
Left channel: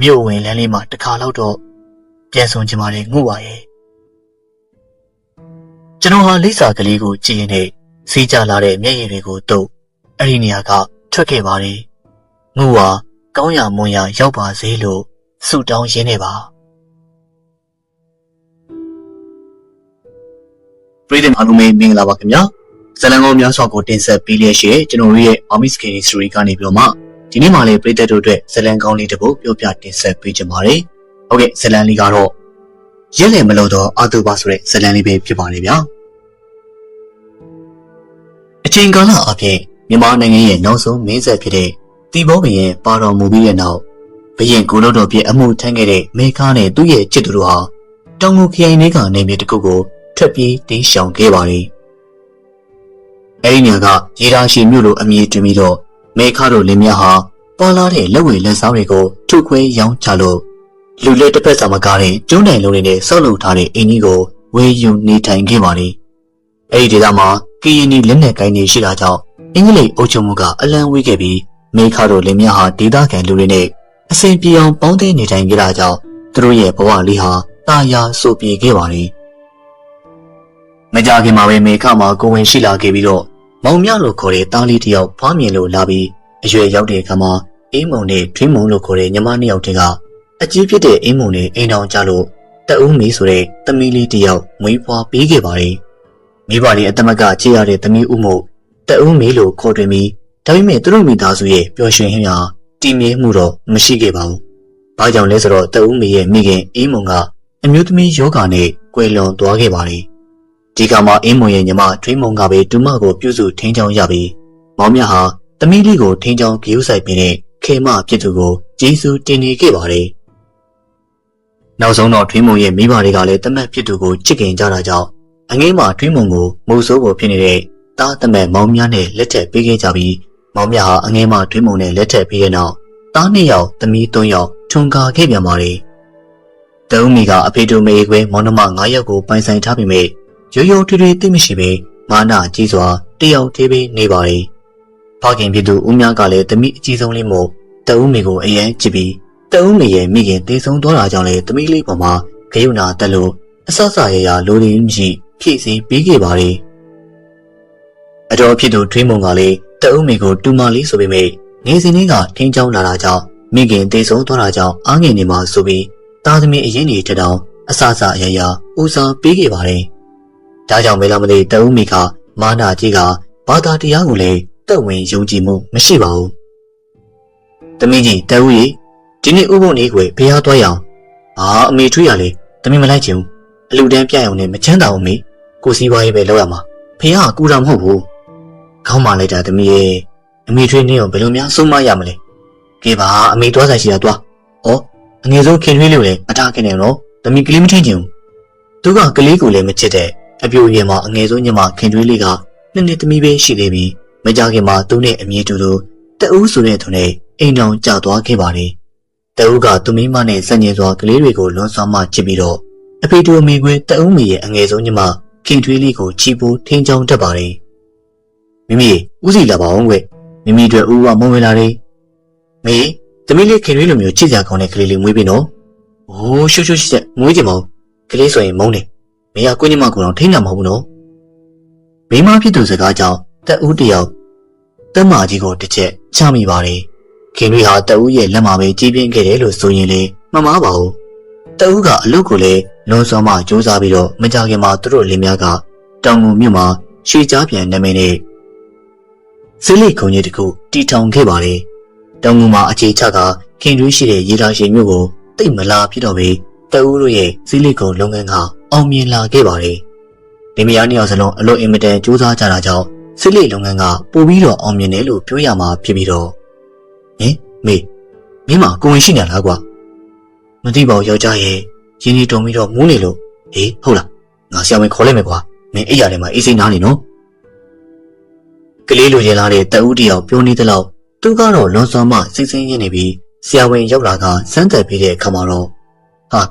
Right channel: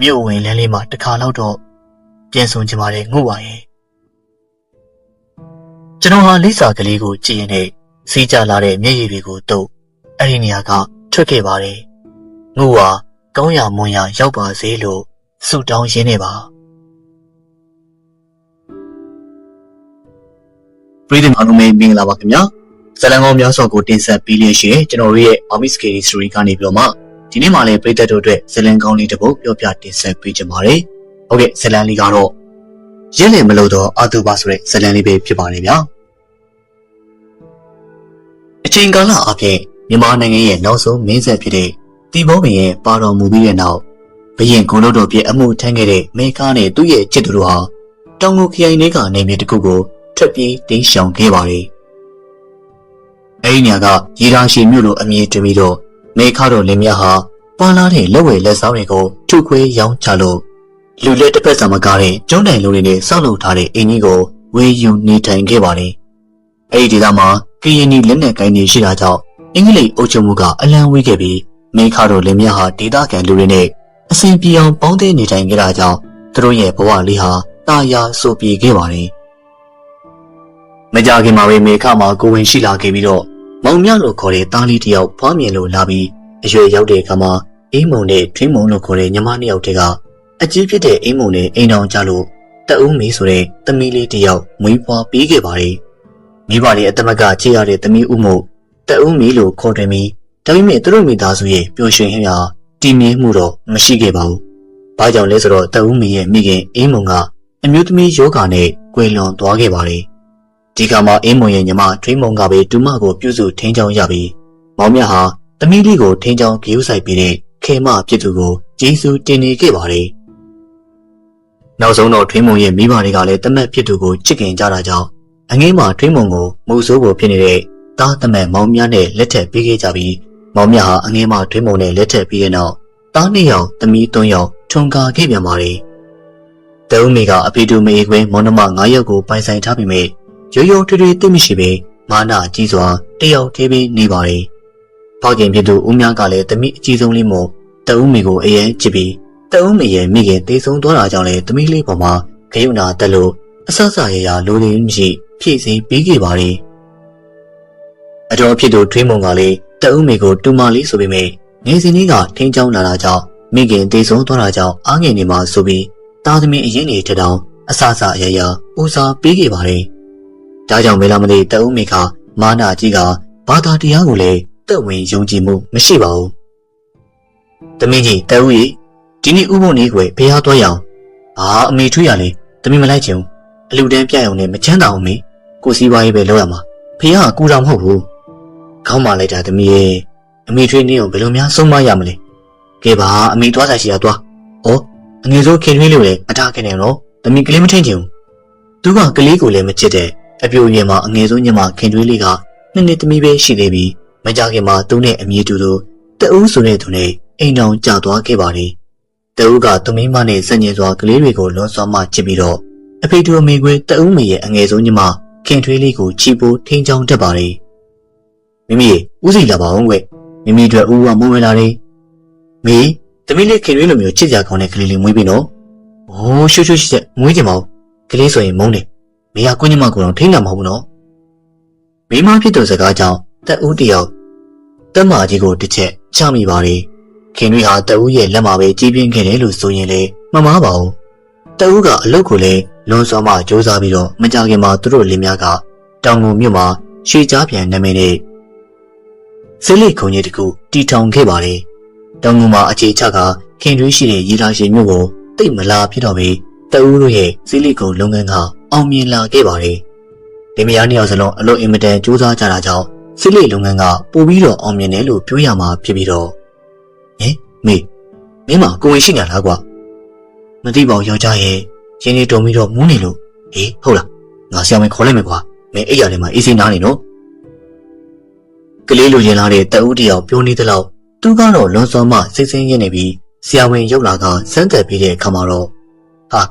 မြို့ဝင်လမ်းလေးမှာတစ်ခါလောက်တော့ပြန်ဆုံချင်ပါတယ်ငု့ရဲ့ကျွန်တော်ဟာလိပ်စာကလေးကိုကြည့်ရင်နဲ့စီးကြလာတဲ့မျက်ရည်တွေကိုတုပ်အဲ့ဒီနေရာကထွက်ခဲ့ပါတယ်ငု့ကောင်းရမွန်ရရောက်ပါစေလို့ဆုတောင်းရင်းနေပါပြည်သူ့အားလုံးမင်္ဂလာပါခင်ဗျာဇလံကောင်းများစွာကိုတင်ဆက်ပေးလျက်ရှိကျွန်တော်တို့ရဲ့ Army Scary Story ကနေပြီးတော့မှဒီနေ့မှလည်းပြည်သက်တို့အတွက်ဇလံကောင်းလေးတစ်ပုဒ်ပြောပြတင်ဆက်ပေးကြပါမယ်ဟုတ်ကဲ့ဇလံလေးကတော့ရက်လည်မလို့တော့အာတူပါဆိုတဲ့ဇလံလေးပဲဖြစ်ပါတယ်ဗျာအချိန်ကာလအပြင်မြန်မာနိုင်ငံရဲ့နောက်ဆုံးမင်းဆက်ဖြစ်တဲ့တီဘောဘရင်ပါတော်မူပြီးတဲ့နောက်ဘရင်ကိုလို့တော်ပြည့်အမှုထမ်းခဲ့တဲ့မေခါနဲ့သူ့ရဲ့ချစ်သူတို့ဟာတောင်ငူခရိုင်လေးကနေမြေတစ်ခုကို ထွက်ပြေးတိမ်းရှောင်ခဲ့ပါတယ်။အဲဒီညကရေဒါရှိမြို့လိုအမည်တွင်ပြီးတော့မေခါတို့လင်မြဟာပါလာတဲ့လက်ဝဲလက်စားတွေကိုထုတ်ခွဲရောင်းချလို့လူလက်တစ်ဖက်စာမကားတဲ့ကျွန်းတိုင်လုံးတွေနဲ့ဆောက်လုပ်ထားတဲ့အိမ်ကြီးကိုဝေယုံနေထိုင်ခဲ့ပါတယ်။အဲဒီဒေသမှာကရင်နီလက်နက်ကိုင်းတွေရှိတာကြောင့်အင်္ဂလိပ်အုပ်ချုပ်မှုကအလံဝေးခဲ့ပြီးမေခါတို့လင်မြဟာဒေသခံလူတွေနဲ့အစဉ်ပြေအောင်ပေါင်းသင်းနေထိုင်ခဲ့တာကြောင့်သူတို့ရဲ့ဘဝလေးဟာတာယာဆိုပြေခဲ့ပါတယ်။မကြခင်မှာပဲမေခမှာကိုဝင်ရှိလာခဲ့ပြီးတော့မောင်မြလို့ခေါ်တဲ့သားလေးတစ်ယောက်ဖွားမြင်လို့လာပြီးအရွယ်ရောက်တဲ့အခါမှာအင်းမုံနဲ့ထွင်းမုံလို့ခေါ်တဲ့ညီမနှစ်ယောက်တည်းကအကြီးဖြစ်တဲ့အင်းမုံနဲ့အိမ်တော်ကြလို့တအုံးမီဆိုတဲ့သမီးလေးတစ်ယောက်မွေးဖွားပေးခဲ့ပါတယ်။မိဘလေးအတမကချစ်ရတဲ့သမီးဦးမို့တအုံးမီလို့ခေါ်တွင်ပြီးဒါပေမဲ့သူတို့မိသားစုရဲ့ပျော်ရွှင်ဟင်းဟာတည်မြဲမှုတော့မရှိခဲ့ပါဘူး။ဘာကြောင့်လဲဆိုတော့တအုံးမီရဲ့မိခင်အင်းမုံကအမျိုးသမီးယောဂါနဲ့ကွယ်လွန်သွားခဲ့ပါတယ်။ဒီကမှာအင်းမုံရဲ့ညီမထွေးမုံကပဲဒူမကိုပြုစုထိန်းချောင်းရပြီးမောင်မြဟာသမီးလေးကိုထိန်းချောင်းဂရုစိုက်ပေးတဲ့ခေမဖြစ်သူကိုကျေးဇူးတင်နေခဲ့ပါတယ်။နောက်ဆုံးတော့ထွေးမုံရဲ့မိဘတွေကလည်းတမက်ဖြစ်သူကိုချစ်ခင်ကြတာကြောင့်အငိမ့်မှာထွေးမုံကိုမိုးဆိုးဖို့ဖြစ်နေတဲ့သားတမက်မောင်မြနဲ့လက်ထပ်ပေးခဲ့ကြပြီးမောင်မြဟာအငိမ့်မှာထွေးမုံနဲ့လက်ထပ်ပြီးတဲ့နောက်သား2ယောက်သမီး3ယောက်ထွန်ကာခဲ့ပြန်ပါတယ်။တအုံးမီကအဖေတို့မေခွင်းမောင်နှမ9ယောက်ကိုပိုင်ဆိုင်ထားပေမဲ့ရိုးရိုးထွေးထွေးသိမရှိပေမာနကြီးစွာတယောက်သေးပေးနေပါတယ်။ဖခင်ဖြစ်သူဦးမြကလည်းသမီးအကြီးဆုံးလေးမို့တအုံးမီကိုအရင်ချစ်ပြီးတအုံးမီရဲ့မိခင်သေဆုံးသွားတာကြောင့်လည်းသမီးလေးပေါ်မှာဂယုဏတက်လို့အဆဆရရလူလူမရှိဖြည့်စင်ပေးခဲ့ပါတယ်။အတော်ဖြစ်သူထွေးမုံကလည်းတအုံးမီကိုတူမလေးဆိုပေမဲ့ငယ်စဉ်လေးကထိန်းချောင်းလာတာကြောင့်မိခင်သေဆုံးသွားတာကြောင့်အားငယ်နေမှာဆိုပြီးသားသမီးအရင်နေထတောင်အဆဆရရဦးစားပေးခဲ့ပါတယ်။ဒါကြောင့်မဲလာမသိတအုံးမီကမာနာကြီးကဘာသာတရားကိုလည်းတက်ဝင်ယုံကြည်မှုမရှိပါဘူး။သမီးကြီးတအုံးကြီးဒီနေ့ဥပုံလေးကိုဖေးရသွားရအောင်။အမေထွေးရလေသမီးမလိုက်ချင်ဘူး။အလူတန်းပြတ်ရုံနဲ့မချမ်းသာအောင်မေကိုစီးပွားရေးပဲလုပ်ရမှာ။ဖေးကကူတာမဟုတ်ဘူး။ခေါင်းမလိုက်တာသမီးရဲ့အမေထွေးနေအောင်ဘယ်လိုများဆုံးမရမလဲ။ကဲပါအမေသွားဆိုင်ရှိတာသွား။အငယ်ဆုံးခင်ထွေးလို့လည်းအထားခင်နေတော့သမီးကလေးမထင်ချင်ဘူး။သူကကလေးကိုလည်းမချစ်တဲ့အပြိုရွယ်မှာအငယ်ဆုံးညမခင်ထွေးလေးကနှစ်သမီးပဲရှိသေးပြီးမကြခင်မှာသူနဲ့အမြဲတူတူတအူးဆိုတဲ့သူနဲ့အိမ်တော်ကြာသွားခဲ့ပါလေ။တအူးကသူမိမနဲ့ဆက်ညင်စွာကလေးတွေကိုလွန်စွာမှချစ်ပြီးတော့အဖေတို့အမေကွေးတအူးမေရဲ့အငယ်ဆုံးညမခင်ထွေးလေးကိုချီပိုးထိန်းချောင်းတတ်ပါလေ။မိမိဦးစီလာပါအောင်ကွ။မိမိတို့ဦးကမုံဝင်လာလေ။မေသမီးလေးခင်ထွေးလိုမျိုးချစ်ကြကောင်းတဲ့ကလေးလေးမွေးပြီနော်။ရှုပ်ဆက်မွေးကြပါဦး။ကလေးဆိုရင်မုန်းတယ်။မေကကိုညမကိုတော့ထိန်းတာမဟုတ်ဘူးနော်။မိမဖြစ်သူစကားကြောင့်တအူးတယောက်တက်မကြီးကိုတစ်ချက်ချမိပါလေခင်တွေဟာတအူးရဲ့လက်မှာပဲကြီးပြင်းခဲ့တယ်လို့ဆိုရင်လေမမှားပါဘူးတအူးကအလုပ်ကိုလည်းလွန်စွာမှစူးစမ်းပြီးတော့မကြခင်မှာသူတို့လင်များကတောင်ငူမြို့မှာရွှေကြားပြန်နာမည်နဲ့ဆက်လက်ခုံကြီးတကူတီထောင်ခဲ့ပါလေတောင်ငူမှာအခြေချကခင်တွေရှိတဲ့ရေလာရှင်မြို့ကိုတိတ်မလာဖြစ်တော့ပဲတအူးတို့ရဲ့ဆက်လက်ခုံလုပ်ငန်းကအောင်မြင်လာခဲ့ပါလေဒီမယားနှစ်ယောက်စလုံးအလို့အင်မတန်စူးစမ်းကြတာကြောင့်စစ်လက်လုပ်ငန်းကပိုပြီးတော့အောင်မြင်တယ်လို့ပြောရမှာဖြစ်ပြီးတော့မေမကိုဝင်ရှိနေလားကွာမသိပါဘူးယောက်ျားရဲ့ရင်းနေတုံပြီးတော့မူးနေလို့ဟုတ်လားငါဆရာဝန်ခေါ်လိုက်မယ်ကွာမင်းအိယာထဲမှာအေးစိနားနေနော်ကလေးလိုရင်လာတဲ့တအူးတယောက်ပြောနေသလောက်သူကတော့လွန်စွာမှစိတ်ဆင်းရဲနေပြီးဆရာဝန်ရောက်လာကစမ်းသက်ပေးတဲ့အခါမှာတော့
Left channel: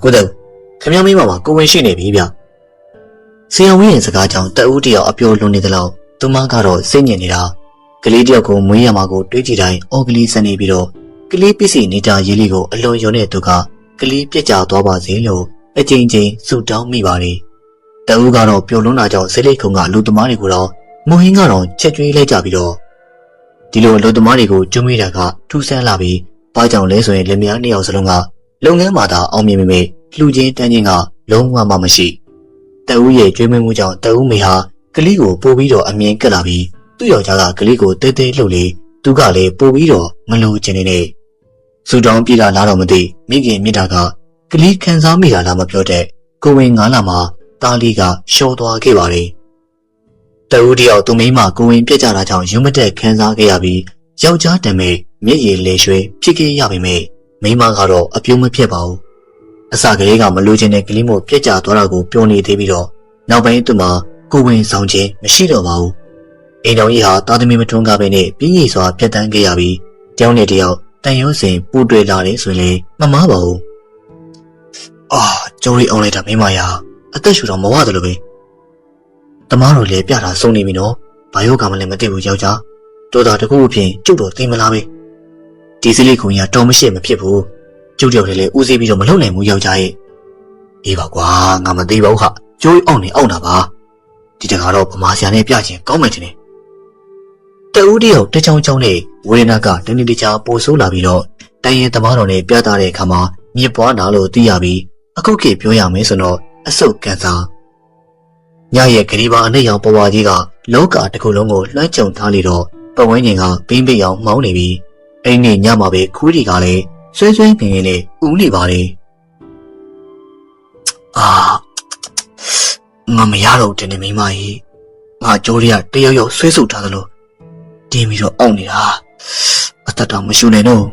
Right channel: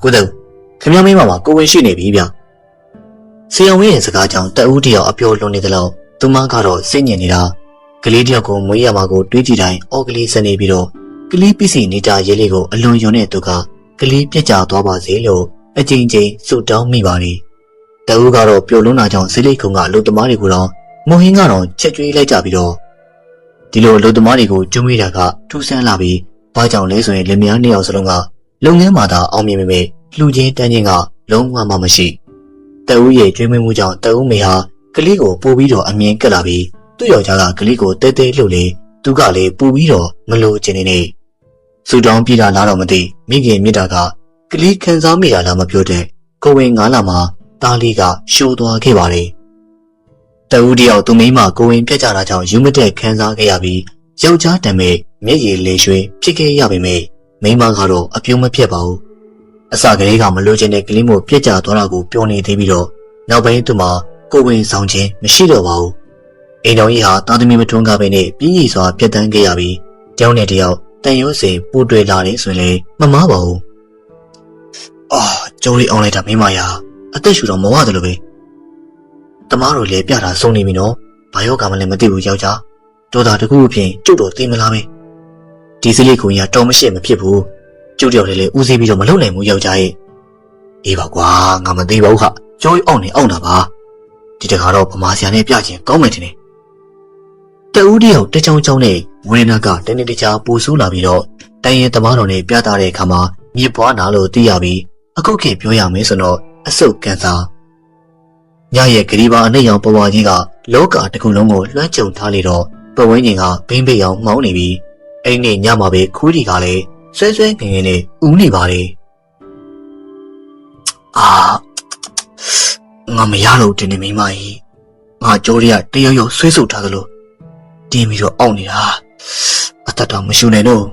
ကိုတဲ့ခင်ဗျားမိမမှာကိုဝင်ရှိနေပြီဗျဆရာဝန်ရဲ့စကားကြောင့်တအူးတယောက်အပြောလွန်နေသလောက်သူမကတော့စိတ်ညစ်နေတာကလေးတယောက်ကိုမွေးရမှာကိုတွေးကြည့်တိုင်းအော်ကလေးစနေပြီးတော့ကလေးပစ္စည်းနေတာရေးလေးကိုအလွန်ယုံတဲ့သူကကလေးပြက်ကျသွားပါစေလို့အကြိမ်ကြိမ်ဆုတောင်းမိပါလေတအူးကတော့ပျော်လွန်းလာကြောင်းစိတ်လိတ်ကုံကလူသမားတွေကိုတော့မုံဟင်းကတော့ချက်ကျွေးလိုက်ကြပြီးတော့ဒီလိုလူသမားတွေကိုကျွေးမိတာကထူးဆန်းလာပြီးဘာကြောင့်လဲဆိုရင်လင်မယားနှစ်ယောက်စလုံးကလုပ်ငန်းမှာသာအောင်မြင်ပေမဲ့လှူချင်းတန်းချင်းကလုံးဝမှမရှိတအူးရဲ့ကျွေးမွေးမှုကြောင့်တအူးမေဟာကလေးကိုပို့ပြီးတော့အမြင်ကက်လာပြီးသူ့ယောက်ျားကကလေးကိုတဲတဲလှုပ်လေသူကလည်းပို့ပြီးတော့မလို့ချင်နေဆူတောင်းပြေးတာလားတော့မသိမိခင်မြစ်တာကကလေးခံစားမိတာလားမပြောတဲ့ကိုဝင်9လမှာတားလေးကရှော့သွားခဲ့ပါတယ်တအူးတယောက်သူမိမကိုဝင်ပြက်ကြတာကြောင့်ယူမတက်ခံစားခဲ့ရပြီးယောက်ျားတမဲမျက်ရည်လေရွှေဖြစ်ခဲ့ရပေမဲ့မိမကတော့အပြုံးမဖြစ်ပါဘူးအစကလေးကမလို့ချင်တဲ့ကလေးမို့ပြက်ကြသွားတာကိုပြောနေသေးပြီးတော့ နောက်ပိုင်းသူမှာကိုယ်ဝင်ဆောင်ခြင်းမရှိတော့ပါဘူး။အိမ်တော်ကြီးဟာသားသမီးမထွန်းကားပဲနဲ့ပြင်းရည်စွာပြတ်တန်းခဲ့ရပြီးတယောက်နဲ့တယောက်တန်ရုံးစင်ပူတွဲလာတယ်ဆိုရင်မမားပါဘူး။အာကျုံးလေးအောင်လိုက်တာမိမရအသက်ရှူတော့မဝတယ်လို့ပဲ။တမားတို့လည်းပြတာဆုံးနေပြီနော်။ဘာယောဂမှလည်းမသိဘူးယောက်ျား။တော်တာတကူအဖြစ်ကျုပ်တော်သိမလားပဲ။ဒီစလိခုံကြီးကတော်မရှိမဖြစ်ဘူး။ကျုပ်တယောက်တည်းလည်းဦးစီးပြီးတော့မလုပ်နိုင်ဘူးယောက်ျားရဲ့။အေးပါကွာငါမသိပါဘူးခ။ကျိုးအောင်နေအောင်တာပါ။ဒီတခါတော့ဗမာဆရာနဲ့ပြချင်းကောင်းမယ်တင်။တဦးတယောက်တချောင်းချောင်းနဲ့ဝေဒနာကတနေ့တခြားပိုဆိုးလာပြီးတော့တန်ရင်သမားတော်နဲ့ပြသတဲ့အခါမှာမြေပွားနာလို့သိရပြီးအခုခေတ်ပြောရမယ်ဆိုတော့အဆုတ်ကန်စာညရဲ့ဂရီဘာအနှိမ့်ရောင်ပေါ်ဝါကြီးကလောကတစ်ခုလုံးကိုလွှမ်းခြုံထားလေတော့ပဝင်းကျင်ကပင်းပိတ်အောင်မှောင်းနေပြီးအဲ့ဒီညမှာပဲခူးဒီကလည်းဆွဲဆွဲငင်ငင်နဲ့ဦးနေပါလေအာငါမရတော့တင်နေမိမကြီးငါကြိုးရတယောက်ယောက်ဆွဲဆုပ်ထားသလိုတင်းပြီးတော့အောင့်နေတာအသက်တောင်မရှူနိုင်တော့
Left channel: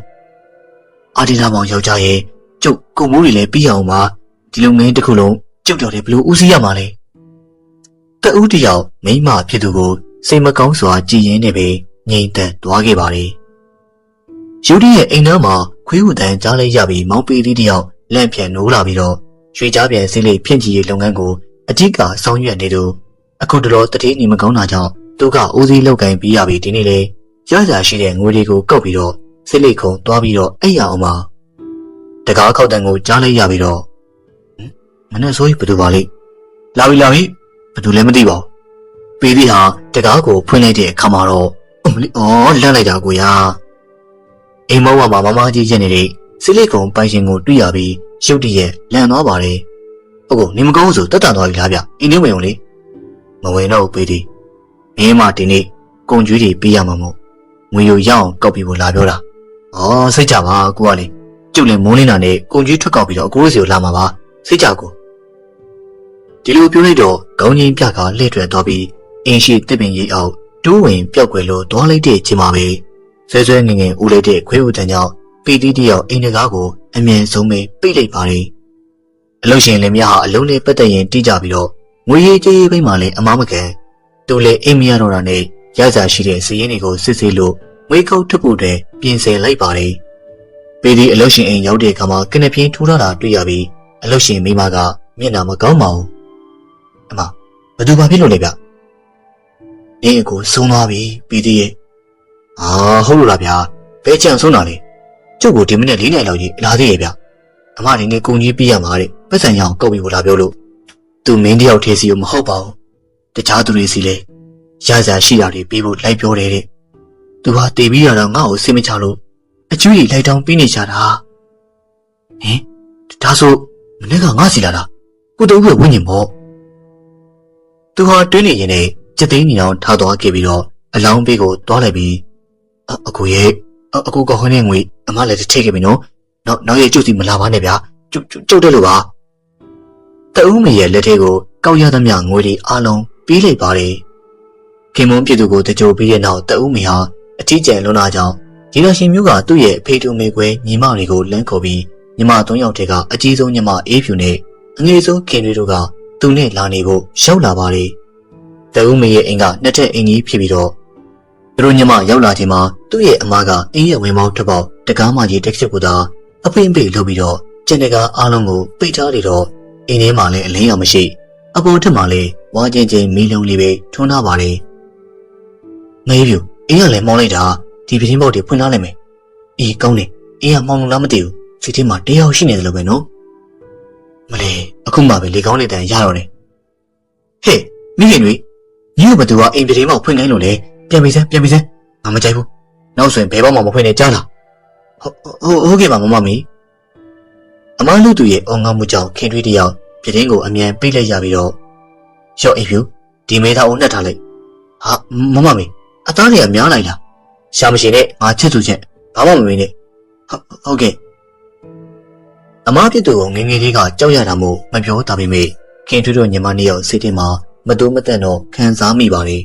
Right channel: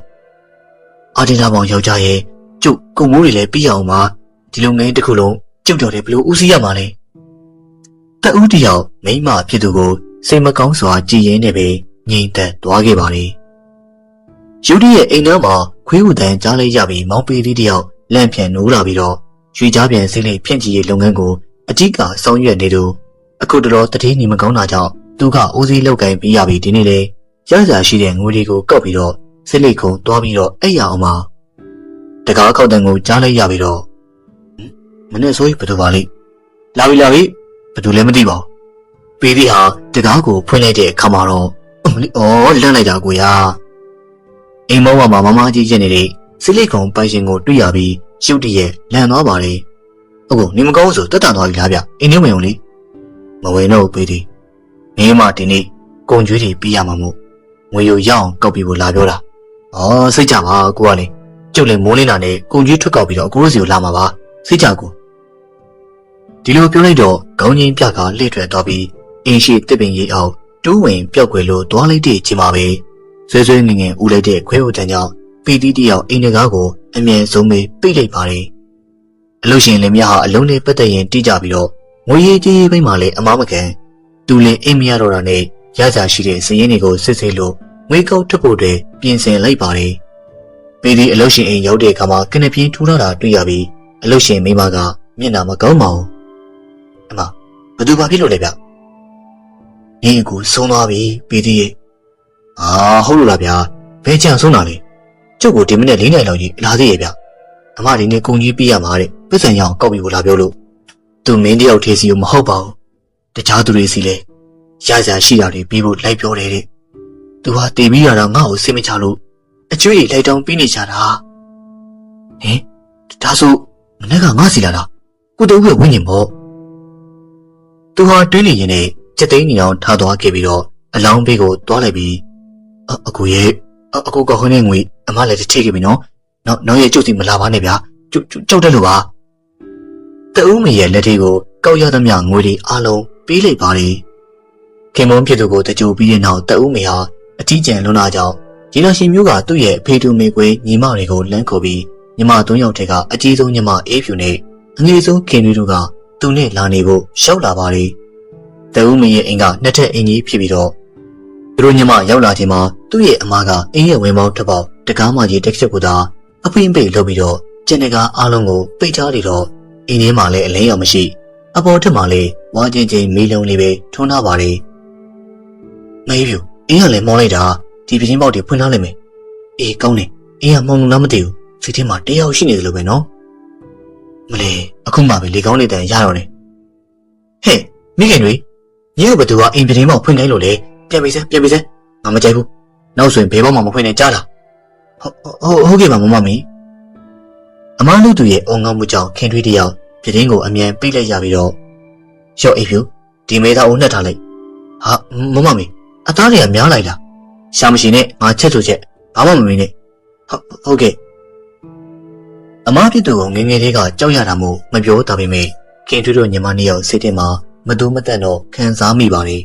အာဒီလာပေါင်ယောက်ျားရဲ့ကျုပ်ကုံမိုးတွေလည်းပြီးအောင်ပါဒီလုပ်ငန်းတစ်ခုလုံးကျုပ်တော်တယ်ဘလို့ဦးစီးရမှာလဲတဦးတယောက်မိမဖြစ်သူကိုစိတ်မကောင်းစွာကြည်ရင်နေပြီးငြိမ်သက်သွားခဲ့ပါလေယူဒီရဲ့အိမ်ထဲမှာခွေးဟူတန်ကြားလိုက်ရပြီးမောင်ပီလေးတယောက်လန့်ပြန်နိုးလာပြီးတော့ရွှေကြားပြန်စိမ့်လေးဖြန့်ချီရေးလုပ်ငန်းကိုအကြီးကဆောင်ရွက်နေသူအခုတလောတတိနေမကောင်းတာကြောင့်သူကဦးစီးလုပ်ကိုင်ပြီးရပြီးဒီနေ့လေရရရှိတဲ့ငွေတွေကိုကောက်ပြီးတော့စိတ်လိတ်ခုံသွားပြီးတော့အဲ့ရအောင်ပါတကားခောက်တန်ကိုကြားလိုက်ရပြီးတော့မနဲ့ဆိုဘယ်သူပါလိလာပြီဘယ်သူလဲမသိပါဘူးပီလီဟာတကားကိုဖွင့်လိုက်တဲ့အခါမှာတော့အမလီလန့်လိုက်တာကိုရအိမ်မောင်မှာမမကြီးရက်နေတဲ့စိတ်လိတ်ခုံပိုင်ရှင်ကိုတွေ့ရပြီးရုတ်တရက်လန့်သွားပါတယ်ဟုတ်ကောနေမကောင်းဆိုတက်တာသွားပြီလားဗျအင်းနေဝင်ုံလေမဝင်တော့ပီလီမင်းမဒီနေ့ကုန်ကျွေးတွေပေးရမှာမို့ငွေကိုရအောင်ကောက်ပြီးဖို့လာပြောတာစိတ်ကြပါကိုကလေကျုပ်လည်းမိုးလင်းတာနဲ့ကုန်ကျွေးထွက်ကောက်ပြီးတော့အကိုတို့စီကိုလာမှာပါစိတ်ကြကိုဒီလိုပြောလိုက်တော့ခေါင်းကြီးပြကလှည့်ထွက်သွားပြီးအင်းရှိတစ်ပင်ကြီးအောင်တိုးဝင်ပြောက်ွယ်လို့သွားလိုက်တဲ့ချိန်မှာပဲဆွဲဆွဲငင်ငင်ဦးလိုက်တဲ့ခွေးဦးတန်ကြောင့်ပီတီတယောက်အိမ်တကားကိုအမြဲဆုံးပဲပိတ်လိုက်ပါလေအလို့ရှင်လည်းမြဟာအလုံးလေးပတ်သက်ရင်တိကြပြီးတော့ငွေရေးကြေးရေးပိုင်းမှာလည်းအမားမကန်သူလည်းအိမ်မရတော့တာနဲ့ရကြရှိတဲ့စည်ရင်းတွေကိုစစ်ဆေးလို့ငွေကောက်ထုတ်ဖို့တည်းပြင်ဆင်လိုက်ပါတယ်ပီတီအလို့ရှင်အိမ်ရောက်တဲ့အခါမှာကနပြင်းထိုးထားတာတွေ့ရပြီးအလို့ရှင်မိမကမျက်နှာမကောင်းပါဘူးအမဘသူဘာဖြစ်လို့လဲဗျနေအကိုဆုံးသွားပြီပီတီရဲ့ဟုတ်လို့လားဗျာဘယ်ကြံဆုံးတာလဲကျုပ်ကိုဒီမိနစ်4နာရီလောက်ကြီးလာသေးရဲ့ဗျအမဒီနေ့ကုန်ကြီးပြရမှာတဲ့ပတ်စံရအောင်ကောက်ပြီးဖို့လာပြောလို့သူမင်းတယောက်ထဲစီကိုမဟုတ်ပါဘူးတခြားသူတွေစီလဲရစရာရှိတာတွေပြီးဖို့လိုက်ပြောတယ်တဲ့သူဟာတည်ပြီးရတော့ငါ့ကိုစိတ်မချလို့အကျွေးလိုက်တောင်းပြီးနေကြတာဟင်ဒါဆိုမနေ့ကငါစီလာတာကိုတူကဝင်းညင်ပေါ့သူဟာတွင်းနေရင်နဲ့စက်သိန်းနေအောင်ထားသွားခဲ့ပြီးတော့အလောင်းဘေးကိုတွားလိုက်ပြီးအကူရဲ့အကူကခွန်းနဲ့ငွေအမလည်းတစ်ထိခဲ့ပြီနော်နောက်ရဲ့ကျုပ်စီမလာပါနဲ့ဗျာကျုပ်တက်လို့ပါတဦးမေရဲ့လက်ထဲကိုကောက်ရသမျှငွေတွေအားလုံးပေးလိုက်ပါတယ်ခင်မုန်းဖြစ်သူကိုတကြိုပြီးတဲ့နောက်တဦးမေဟာအထီးကျန်လွန်လာကြောင်းဒီလိုရှင်မျိုးကသူ့ရဲ့အဖေတူမေကွဲညီမတွေကိုလမ်းခေါ်ပြီးညီမ3ယောက်တည်းကအကြီးဆုံးညီမအေးဖြူနဲ့အငယ်ဆုံးခင်တွေတို့ကသူနဲ့လာနေဖို့ရောက်လာပါတယ်တဦးမေရဲ့အိမ်ကနှစ်ထပ်အိမ်ကြီးဖြစ်ပြီးတော့သူတို့ညီမရောက်လာချိန်မှာသူ့ရဲ့အမကအိမ်ရဲ့ဝင်ပေါင်းတစ်ပေါက်တကားမကြီးတက်ချက်ကိုသာအပိမ့်ပိတ်လုပ်ပြီးတော့ကျန်တကားအားလုံးကိုပိတ်ထားနေတော့အိမ်ထဲမှာလည်းအလင်းရောင်မရှိအပေါ်ထက်မှာလည်းဝါချင်းချင်းမီးလုံးလေးပဲထွန်းထားပါလေမေးပြူအင်းကလည်းမောင်းလိုက်တာဒီပြင်းပေါက်တွေဖွင့်ထားလိုက်မယ်အေးကောင်းတယ်အင်းကမောင်းလို့လားမသိဘူးစိတ်ထဲမှာတယောက်ရှိနေတယ်လို့ပဲနော်မလဲအခုမှပဲလေကောင်းလေးတန်ရတော့တယ်ဟေ့မိခင်တွေညဘသူကအိမ်ပြင်းပေါက်ဖွင့်ခိုင်းလို့လေပြန်ပြီးစမ်းငါမကြိုက်ဘူးနောက်ဆိုရင်ဘယ်ပေါက်မှမဖွင့်နဲ့ကြားလားဟုတ်ကဲ့ပါမမမီအမလူသူရဲ့အုံငေါမှုကြောင့်ခင်ထွေးတယောက်ပြတင်းကိုအမြန်ပိတ်လိုက်ရပြီးတော့ရော့အိပ်ဖြူဒီမေသားကိုနှက်ထားလိုက်ဟာမမမီအသားတွေကများလိုက်လားရှာမရှိနဲ့ငါချက်သူချက်ဘာမှမမေးနဲ့ဟုတ်ကဲ့အမဖြစ်သူကိုငငယ်လေးကကြောက်ရတာမို့မပြောတာပေမဲ့ခင်ထွေးတို့ညီမနှစ်ယောက်စိတ်ထဲမှာမတူးမတန့်တော့ခံစားမိပါလေ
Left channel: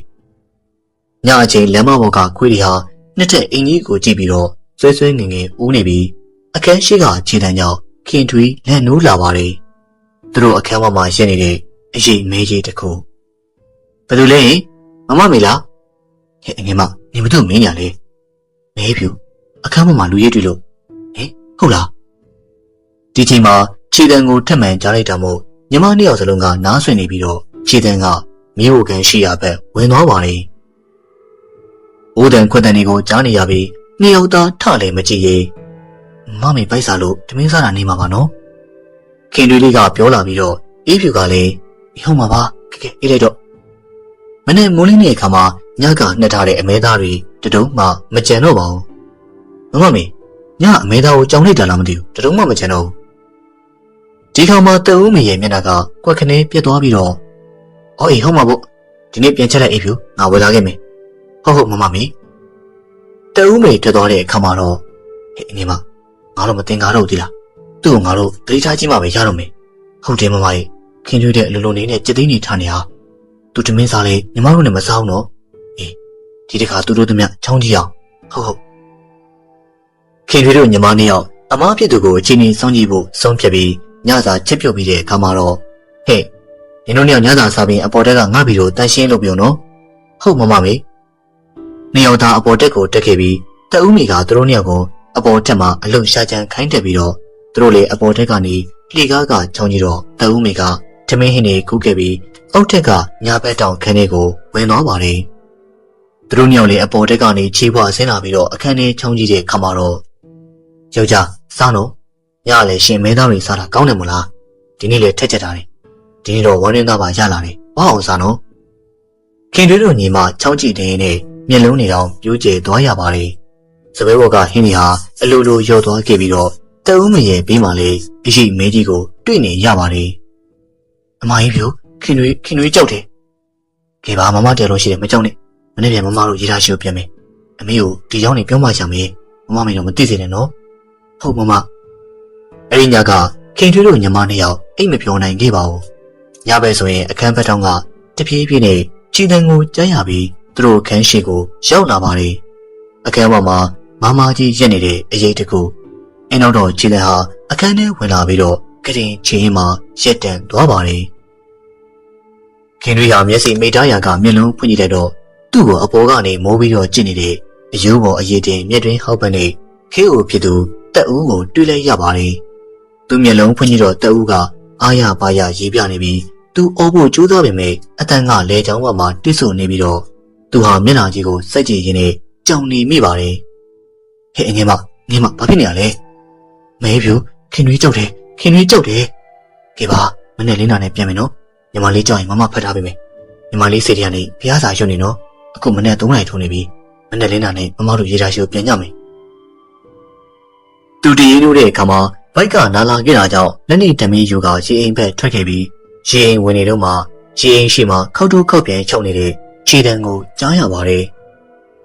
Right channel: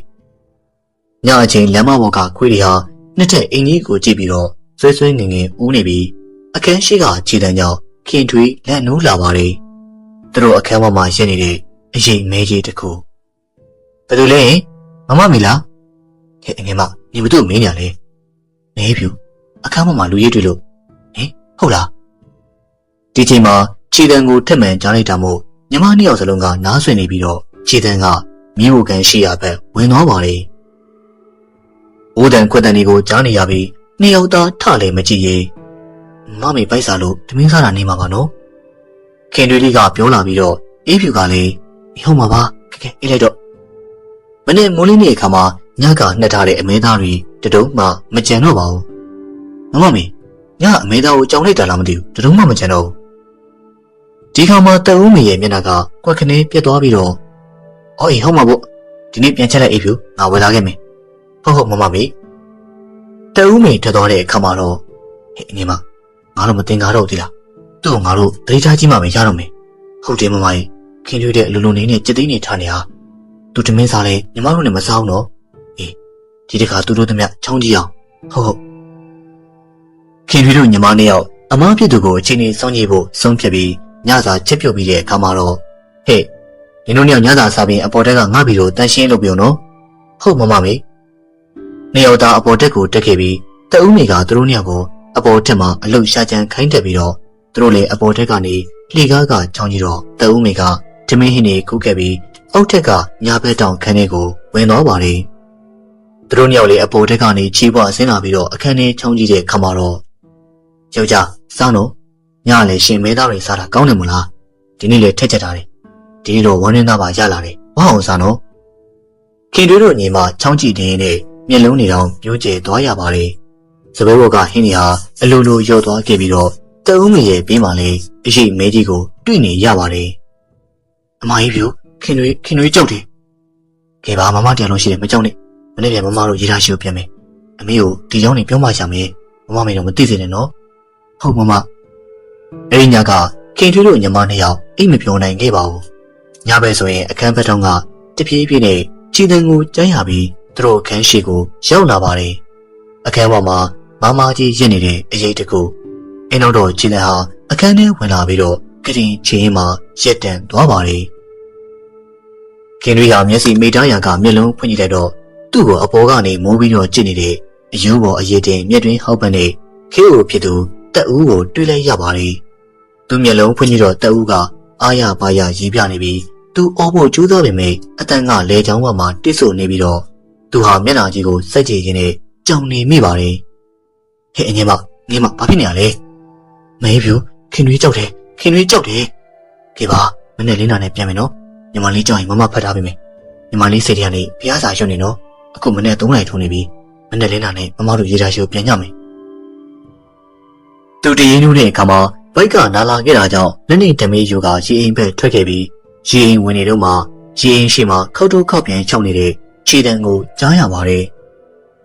ညအချိန်လမ်းမပေါ်ကခွေးတွေဟာနှစ်ထက်အင်ကြီးကိုကြည့်ပြီးတော့ဆွဲဆွဲငငယ်ဦးနေပြီးအခန်းရှိကခြေတန်းကြောင့်ခင်ထွေးလက်နိုးလာပါလေသူတို့အခန်းပေါ်မှာရင်းနေတဲ့ အရေးမဲကြီးတစ်ခုဘယ်လိုလဲမမမေလားဟဲ့အငယ်မနေမတို့မင်းညာလေမဲဖြူအခန်းပေါ်မှာလူရဲတွေ့လို့ဟင်ဟုတ်လားဒီချိန်မှာခြေတံကိုထက်မှန်ကြားလိုက်တာမို့ညီမနှစ်ယောက်စလုံးကနားဆွင့်နေပြီးတော့ခြေတံကမြို့ကန်ရှိရာဘက်ဝင်သွားပါလေ။အိုးတန်ခွက်တန်တွေကိုကြားနေရပြီးနှစ်ယောက်သားထလည်းမကြည့်ရဲမမေပိုက်စားလို့တမင်းစားတာနေမှာပါနော်။ခင်တွေလေးကပြောလာပြီးတော့အေးဖြူကလည်းဟုတ်မှာပါကဲအေးလိုက်တော့မနေ့မိုးလင်းတဲ့အခါမှာညကနှက်ထားတဲ့အမဲသားတွေတတုံးမှမကြံတော့ပါဘူး။မမေညအမဲသားကိုကြောင်လိုက်တာလားမသိဘူးတတုံးမှမကြံတော့ဘူး။ဒီခါမှာတအုံးမေရဲ့မျက်နှာကကွက်ခနဲပြတ်သွားပြီးတော့အော်အေးဟုတ်မှာပေါ့ဒီနေ့ပြန်ချက်လိုက်အေးဖြူငါဝယ်လာခဲ့မယ်ဟုတ်မမမေတအုံးမေထွက်သွားတဲ့အခါမှာတော့ဟဲ့အငယ်မငါတို့မတင်ကားတော့သေးလားသူ့ကိုငါတို့တတိထားကြီးမှပဲရတော့မယ်ဟုတ်တယ်မမရဲ့ခင်ကျွေးတဲ့အလိုလိုနေနဲ့ကြက်သိန်းနေထားနေဟာသူတမင်းစားလဲညီမတို့နဲ့မစားအောင်တော့အေးဒီတခါသူတို့တမချောင်းကြီးအောင်ဟုတ်ခင်ကျွေးတို့ညီမနှစ်ယောက်အမားဖြစ်သူကိုအချိန်ကြီးစောင့်ကြည့်ဖို့ဆုံးဖြတ်ပြီးညစာချက်ပြုတ်ပြီးတဲ့အခါမှာတော့ဟဲ့နင်တို့နှစ်ယောက်ညစာစားပြီးအပေါ်တက်ကငါ့ဘီကိုတန်ရှင်းလုပ်ပြုံနော်ဟုတ်မမမေနှစ်ယောက်သားအပေါ်တက်ကိုတက်ခဲ့ပြီးတအုံးမိကသူတို့နှစ်ယောက်ကိုအပေါ်တက်မှာအလုံရှာချမ်းခိုင်းတက်ပြီးတော့သူတို့လည်းအပေါ်တက်ကနေလှေကားကချောင်းကြီးတော့တအုံးမိကထမင်းဟင်းတွေခုတ်ခဲ့ပြီးအောက်ထက်ကညာဘက်တောင်ခန်းထဲကိုဝင်သွားပါတယ်သူတို့နှစ်ယောက်လည်းအပေါ်တက်ကနေချီးပွားဆင်းလာပြီးတော့အခန်းထဲချောင်းကြီးတဲ့ခါမှာတော့ယောက်ျားစောင်းတော့ညလည်းရှင်မဲသားတွေစားတာကောင်းတယ်မလားဒီနေ့လည်းထက်ချက်ထားတယ်ဒီနေ့တော့ဝမ်းရင်းသားပါရလာတယ်ဝါအောင်စားနော်ခင်တွေတို့ညီမချောင်းကြည့်တဲ့နဲ့မျက်လုံးတွေတောင်ပြိုးကျဲသွားရပါတယ်စပယ်ဘောကဟင်းကြီးဟာအလိုလိုရော့သွားခဲ့ပြီးတော့တအုံးမရဲ့ဘေးမှာလေအရှိမဲကြီးကိုတွေ့နေရပါတယ်အမကြီးပြိုခင်တွေကြောက်တယ်ကဲပါမမတရားလို့ရှိတယ်မကြောက်နဲ့မနေ့ပြန်မမတို့ရေးထားရှိကိုပြန်မယ်အမေကိုဒီကြောင်းနေပြောမှရှာမယ်မမမေတော့မသိစေနဲ့နော်ဟုတ်မမအဲ့ဒီညကခင်တွေတို့ညီမနှစ်ယောက်အိတ်မပြောနိုင်ခဲ့ပါဘူးညဘက်ဆိုရင်အခန်းဘက်တောင်ကတပြေးပြေးနဲ့ခြေတံကိုကြားရပြီးသူတို့ခန်းရှိကိုရောက်လာပါတယ်အခန်းပေါ်မှာမမကြီးရက်နေတဲ့အရေးတကူအင်းတော့ခြေတံဟာအခန်းထဲဝင်လာပြီးတော့ကရင်ချင်းမှာရက်တန်သွားပါတယ်ခင်တွေဟာမျက်စိမိသားရံကမျက်လုံးဖွင့်ကြည့်လိုက်တော့သူ့ကိုအပေါ်ကနေမိုးပြီးတော့ကြည့်နေတဲ့အယိုးပေါ်အရေးတင်မျက်တွင်းဟောက်ပန်းနဲ့ခေးဦးဖြစ်သူတက်ဦးကိုတွေ့လိုက်ရပါတယ်သူမျက်လုံးဖွင့်ကြည့်တော့တက်ဦးကအားရပါရရေးပြနေပြီးသူအိုးဖို့ကြိုးစားပေမဲ့အတန်ကလဲချောင်းပေါ်မှာတစ်ဆိုနေပြီးတော့သူဟာမျက်နှာကြီးကိုစိုက်ကြည့်ရင်းနဲ့ကြောင်နေမိပါတယ်ဟဲ့အငယ်မဘာဖြစ်နေရလဲမဲဖြူခင်တွေကြောက်တယ်ကဲပါမနေ့လင်းနာနဲ့ပြန်မယ်နော်ညီမလေးကြောက်ရင်မမဖတ်ထားပေးမယ်ညီမလေးစိတ်ထဲကနေဖျားစာရွှတ်နေနော်အခုမနေ့3နာရီထုံးနေပြီမနေ့လင်းနာနဲ့မမတို့ရေးထားရှိကိုပြန်ကြမယ်သူတည်ရင်းလို့တဲ့အခါမှာဘိုက်ကနာလာခဲ့တာကြောင့်လက်နေတမင်းယူကရေအိမ်ဘက်ထွက်ခဲ့ပြီးရေအိမ်ဝင်နေတော့မှရေအိမ်ရှိမှခောက်တိုးခောက်ပြန်ချုပ်နေတဲ့ခြေတံကိုကြားရပါတယ်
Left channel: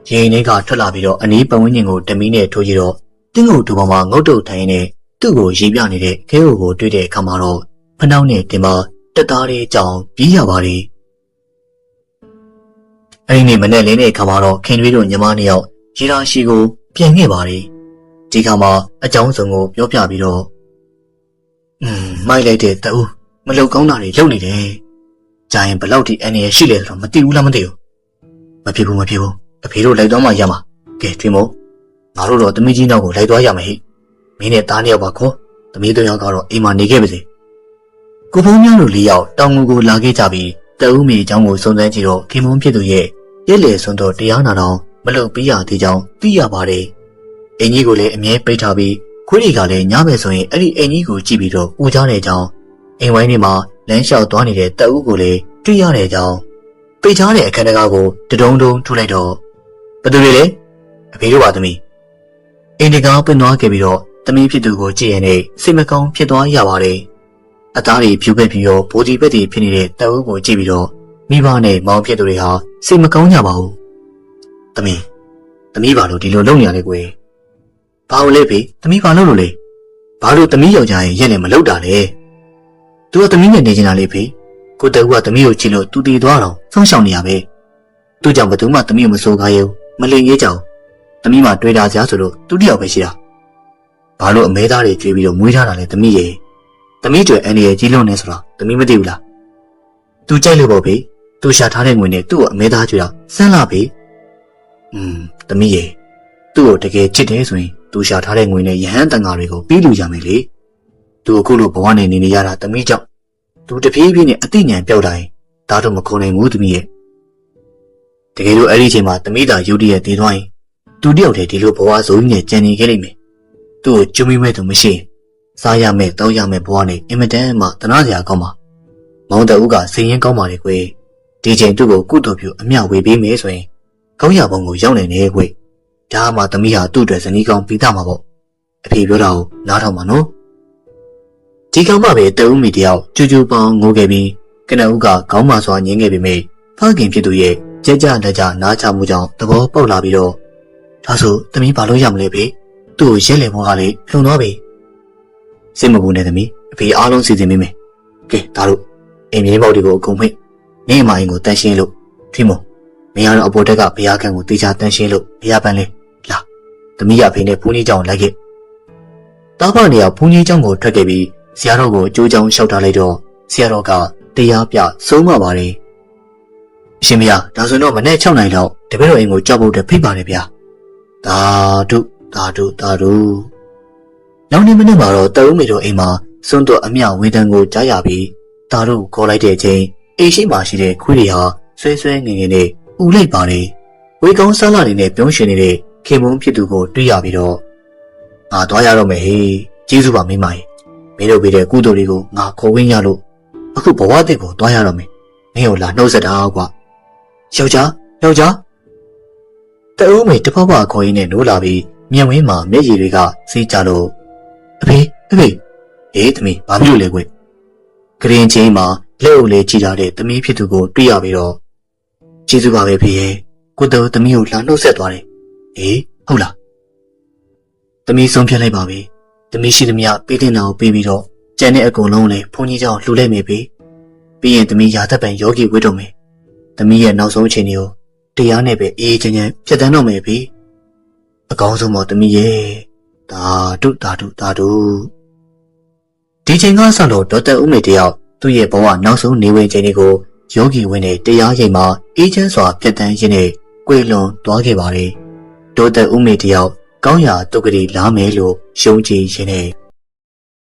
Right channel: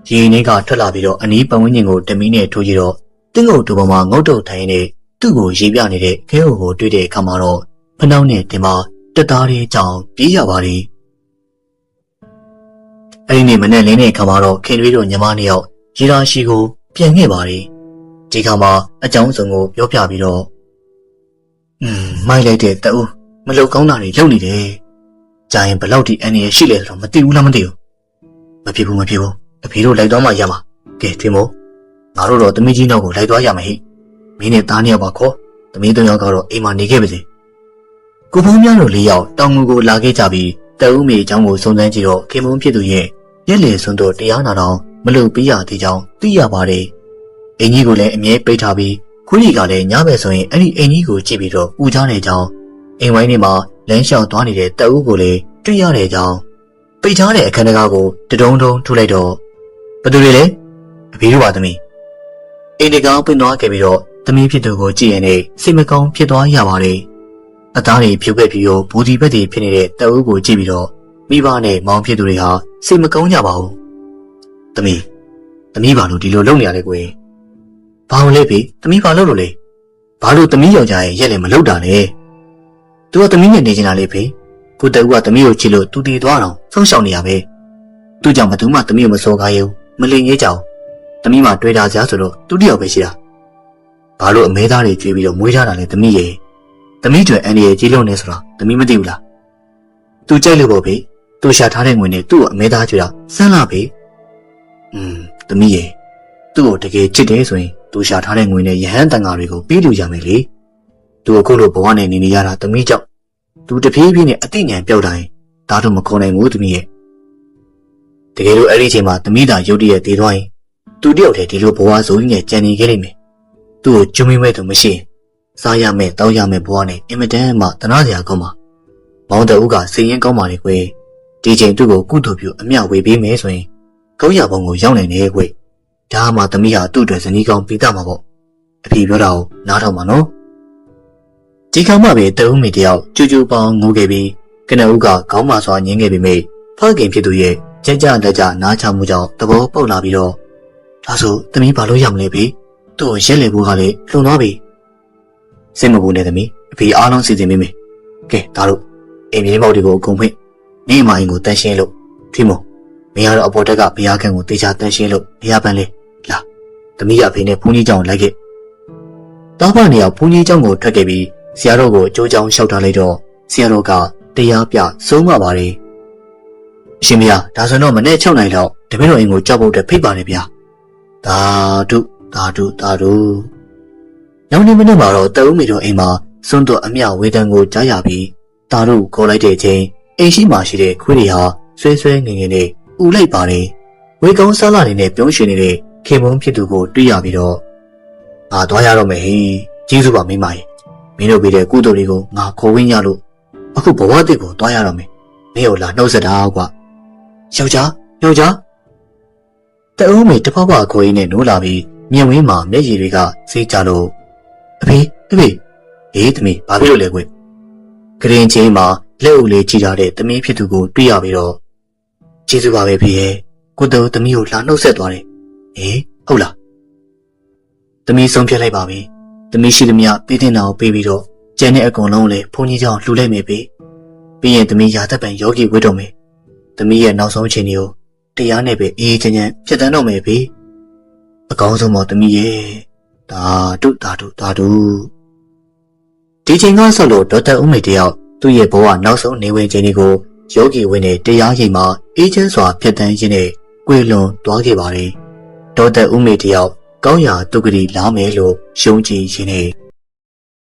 ရေအိမ်လေးကထွက်လာပြီးတော့အနီးပတ်ဝန်းကျင်ကိုတမီးနဲ့ထိုးကြည့်တော့တင်းငုတ်တူပေါ်မှာငုတ်တုတ်ထိုင်နေသူ့ကိုရေပြနေတဲ့ခဲအိုကိုတွေ့တဲ့အခါမှာတော့ဖနှောင်းနဲ့တင်မတက်သားလေးကြောင်ပြေးရပါတယ်အဲဒီနေ့မနေ့လင်းတဲ့အခါမှာတော့ခင်တွေးတို့ညီမနှစ်ယောက်ရေလာရှိကိုပြန်ခဲ့ပါတယ်ဒီခါမှာအကြောင်းစုံကိုပြောပြပြီးတော့မိုက်လိုက်တဲ့တအူးမလုံကောင်းတာတွေလုပ်နေတယ်ကြာရင်ဘလောက်ထိအန်ရရှိလဲဆိုတော့မသိဘူးလားမသိဘူးမဖြစ်ဘူးအဖေတို့လိုက်သွားမှရမှာကဲထွေးမို့ငါတို့တော့သမီးကြီးနောက်ကိုလိုက်သွားရမယ်ဟိမင်းနဲ့သားနှစ်ယောက်ပါခေါ်သမီး3ယောက်ကတော့အိမ်မှာနေခဲ့ပါစေကိုဖုံးများတို့4ယောက်တောင်ငူကိုလာခဲ့ကြပြီးတအူးမေအကြောင်းကိုစုံစမ်းကြည့်တော့ခင်မုန်းဖြစ်သူရဲ့ရက်လေစွန်းတော့တရားနာတော်မလုပ်ပေးရသေးကြောင်းသိရပါတယ်အင်ကြီးကိုလည်းအမြဲပိတ်ထားပြီးခွေးတွေကလည်းညဘက်ဆိုရင်အဲ့ဒီအင်ကြီးကိုကြည့်ပြီးတော့ဦးကြတဲ့အကြောင်းအိမ်ဝိုင်းထဲမှာလမ်းလျှောက်သွားနေတဲ့တအူးကိုလည်းတွေ့ရတဲ့အကြောင်းပိတ်ထားတဲ့အခန်းထဲကိုတဒုံဒုံထူလိုက်တော့ဘသူတွေလဲအဖေတို့ပါသမီးအင်ဒီကာပင်သွားခဲ့ပြီးတော့သမီးဖြစ်သူကိုကြည့်ရင်လည်းစိတ်မကောင်းဖြစ်သွားရပါတယ်အသားတွေဖြူပက်ပြီးတော့ဘူဒီပက်တွေဖြစ်နေတဲ့တအူးကိုကြည့်ပြီးတော့မိဘနဲ့မောင်ဖြစ်သူတွေဟာစိတ်မကောင်းကြပါဘူးသမီးဘာလို့ဒီလိုလုပ်နေရလဲကွယ်ဘာလို့လဲဖေသမီးဘာလို့လဲဘာလို့သမီးယောက်ျားရဲ့ရက်လည်းမလုပ်တာလဲသူကသမီးနဲ့နေချင်တာလေဖေကိုတအူးကသမီးကိုချစ်လို့သူတည်သွားတော့ဆုံးရှောင်နေရပဲသူကြောင့်ဘယ်သူမှသမီးကိုမစိုးကားရဲဘူးမလိမ်ရေးကြအောင်သမီးမှတွေ့တာစရာဆိုလို့သူတယောက်ပဲရှိတာဘာလို့အမဲသားတွေကြွေးပြီးတော့မွေးထားတာလဲသမီးရဲ့သမီးတွေအန်ရကြီးလုံးနေဆိုတာသမီးမသိဘူးလား သူကြိုက်လို့ပေါ့ဗျသူရှာထားတဲ့ငွေနဲ့သူ့ကိုအမဲသားကြွတာစမ်းလာပြီသမီးရဲ့သူ့ကိုတကယ်ချစ်တယ်ဆိုရင်သူရှာထားတဲ့ငွေနဲ့ယဟန်တန်ဃာတွေကိုပြီးလူရမယ်လေသူအခုလိုဘဝနဲ့နေရတာသမီးကြောင့်သူတပြေးပြေးနဲ့အသိဉာဏ်ပြောက်တိုင်းဒါတော့မခေါ်နိုင်ဘူးသမီးရဲ့တကယ်လို့အဲ့ဒီအချိန်မှာသမီးသာရုတ်တရက်တည်သွားရင်သူတယောက်တည်းဒီလိုဘဝဆိုကြီးနဲ့ကြံနေခဲ့လိမ့်မယ်သူ့ကိုကျွမိမဲ့သူမရှိရင်စားရမယ်တောင်းရမယ်ဘဝနဲ့အင်မတန်မှတနာစရာကောင်းပါမောင်တအုပ်ကစိတ်ရင်းကောင်းပါလေကွယ်ဒီချိန်သူ့ကိုကုသိုလ်ပြုအမျှဝေပေးမယ်ဆိုရင်ကောင်းရပုံကိုရောက်နိုင်တယ်ကွယ်ဒါမှသမီးဟာသူ့အတွက်ဇနီးကောင်းပြီးသားမှာပေါ့အဖေပြောတာကိုနားထောင်ပါနော်ဒီကောင်မှပဲတအုပ်မိတယောက်ကျူးကျူးပေါင်းငိုခဲ့ပြီးကနအုပ်ကခေါင်းမစွာညင်းခဲ့ပေမဲ့ဖခင်ဖြစ်သူရဲ့ကြကြလက်ကြနားချမှုကြောင့်သဘောပေါက်လာပြီးတော့ဒါဆိုသမီးဘာလို့ရမလဲဖေသူ့ကိုရက်လေဖို့ကလည်းလုံသွားပြီစိတ်မပူနဲ့သမီးအဖေအားလုံးစီစဉ်ပေးမယ်ကဲဒါတို့အိမ်မြေပေါက်တွေကိုအကုန်ဖိတ်နေမအိမ်ကိုတန်းရှင်းလို့ဒီမို့မင်းကတော့အပေါ်တက်ကဘုရားခန့်ကိုတေချာတန်းရှင်းလို့ဘုရားပန်းလေးလာသမီးရအဖေနဲ့ဘုန်းကြီးကျောင်းလိုက်ခဲ့တောက်ဖနေအောင်ဘုန်းကြီးကျောင်းကိုထွက်ခဲ့ပြီးဆရာတော်ကိုအကျိုးကြောင်းလျှောက်ထားလိုက်တော့ဆရာတော်ကတရားပြဆုံးမပါတယ်အရှင်မရဒါဆိုတော့မနေ့6နိုင်လောက်တပည့်တော်အိမ်ကိုကြောက်ဖို့အတွက်ဖိတ်ပါတယ်ဗျာသာဓုနောက်နေ့မနေ့မှာတော့တအုပ်မေတို့အိမ်မှာစွန့်တော်အမျှဝေဒန်ကိုကြားရပြီးတာတို့ခေါ်လိုက်တဲ့အချိန်အိမ်ရှိမှရှိတဲ့ခွေးတွေဟာဆွဲဆွဲငင်ငင်နဲ့ဥလိုက်ပါတယ်ဝေကောင်းစားလာနေနဲ့ပြုံးရွှင်နေတဲ့ခေမုန်းဖြစ်သူကိုတွေ့ရပြီးတော့ငါသွားရတော့မယ်ဟေးကျေးဇူးပါမိမကြီးမင်းတို့ပေးတဲ့ကုသိုလ်တွေကိုငါခေါ်ဝင်ရလို့အခုဘဝတည်းကိုသွားရတော့မယ်မင်းကိုလာနှုတ်ဆက်တာကွာယောက်ျားတအုပ်မေတဖဖခေါ်ရင်းနဲ့နိုးလာပြီးမြင်ဝင်းမှာမျက်ရည်တွေကစေးကြလို့အဖေသမီးဘာဖြစ်လို့လဲကွကရင်ချင်းမှာလက်အုပ်လေးကြည့်ထားတဲ့သမီးဖြစ်သူကိုတွေ့ရပြီးတော့ကျေးဇူးပါပဲဖေရဲ့ကိုတော်သမီးကိုလာနှုတ်ဆက်သွားတယ်ဟုတ်လားသမီးဆုံးဖြတ်လိုက်ပါပဲသမီးရှိသမျှပေးတဲ့နာကိုပေးပြီးတော့ကျန်တဲ့အကုန်လုံးလည်းဘုန်းကြီးကြောင့်လှူလိုက်မယ်ဖေပြီးရင်သမီးရာသက်ပံယောဂီဝတ်တော်မယ်သမီးရဲ့နောက်ဆုံးအချိန်တွေကိုတရားနဲ့ပဲအေးချမ်းချမ်းဖြတ်တန်းတော့မယ်ဖေအကောင်းဆုံးမော်သမီးရဲ့ဒါတို့ဒီချိန်ကဆိုလို့ဒေါက်တာဦးမေတယောက်သူ့ရဲ့ဘဝနောက်ဆုံးနေဝင်ချိန်တွေကိုယောဂီဝင်တဲ့တရားရိပ်မှာအေးချမ်းစွာဖြတ်တန်းရင်းနဲ့ကွေလွန်သွားခဲ့ပါတယ်ဒေါက်တာဦးမေတယောက်ကောင်းရာတုတ်ကလေးလာမယ်လို့ယုံကြည်ရင်းနဲ့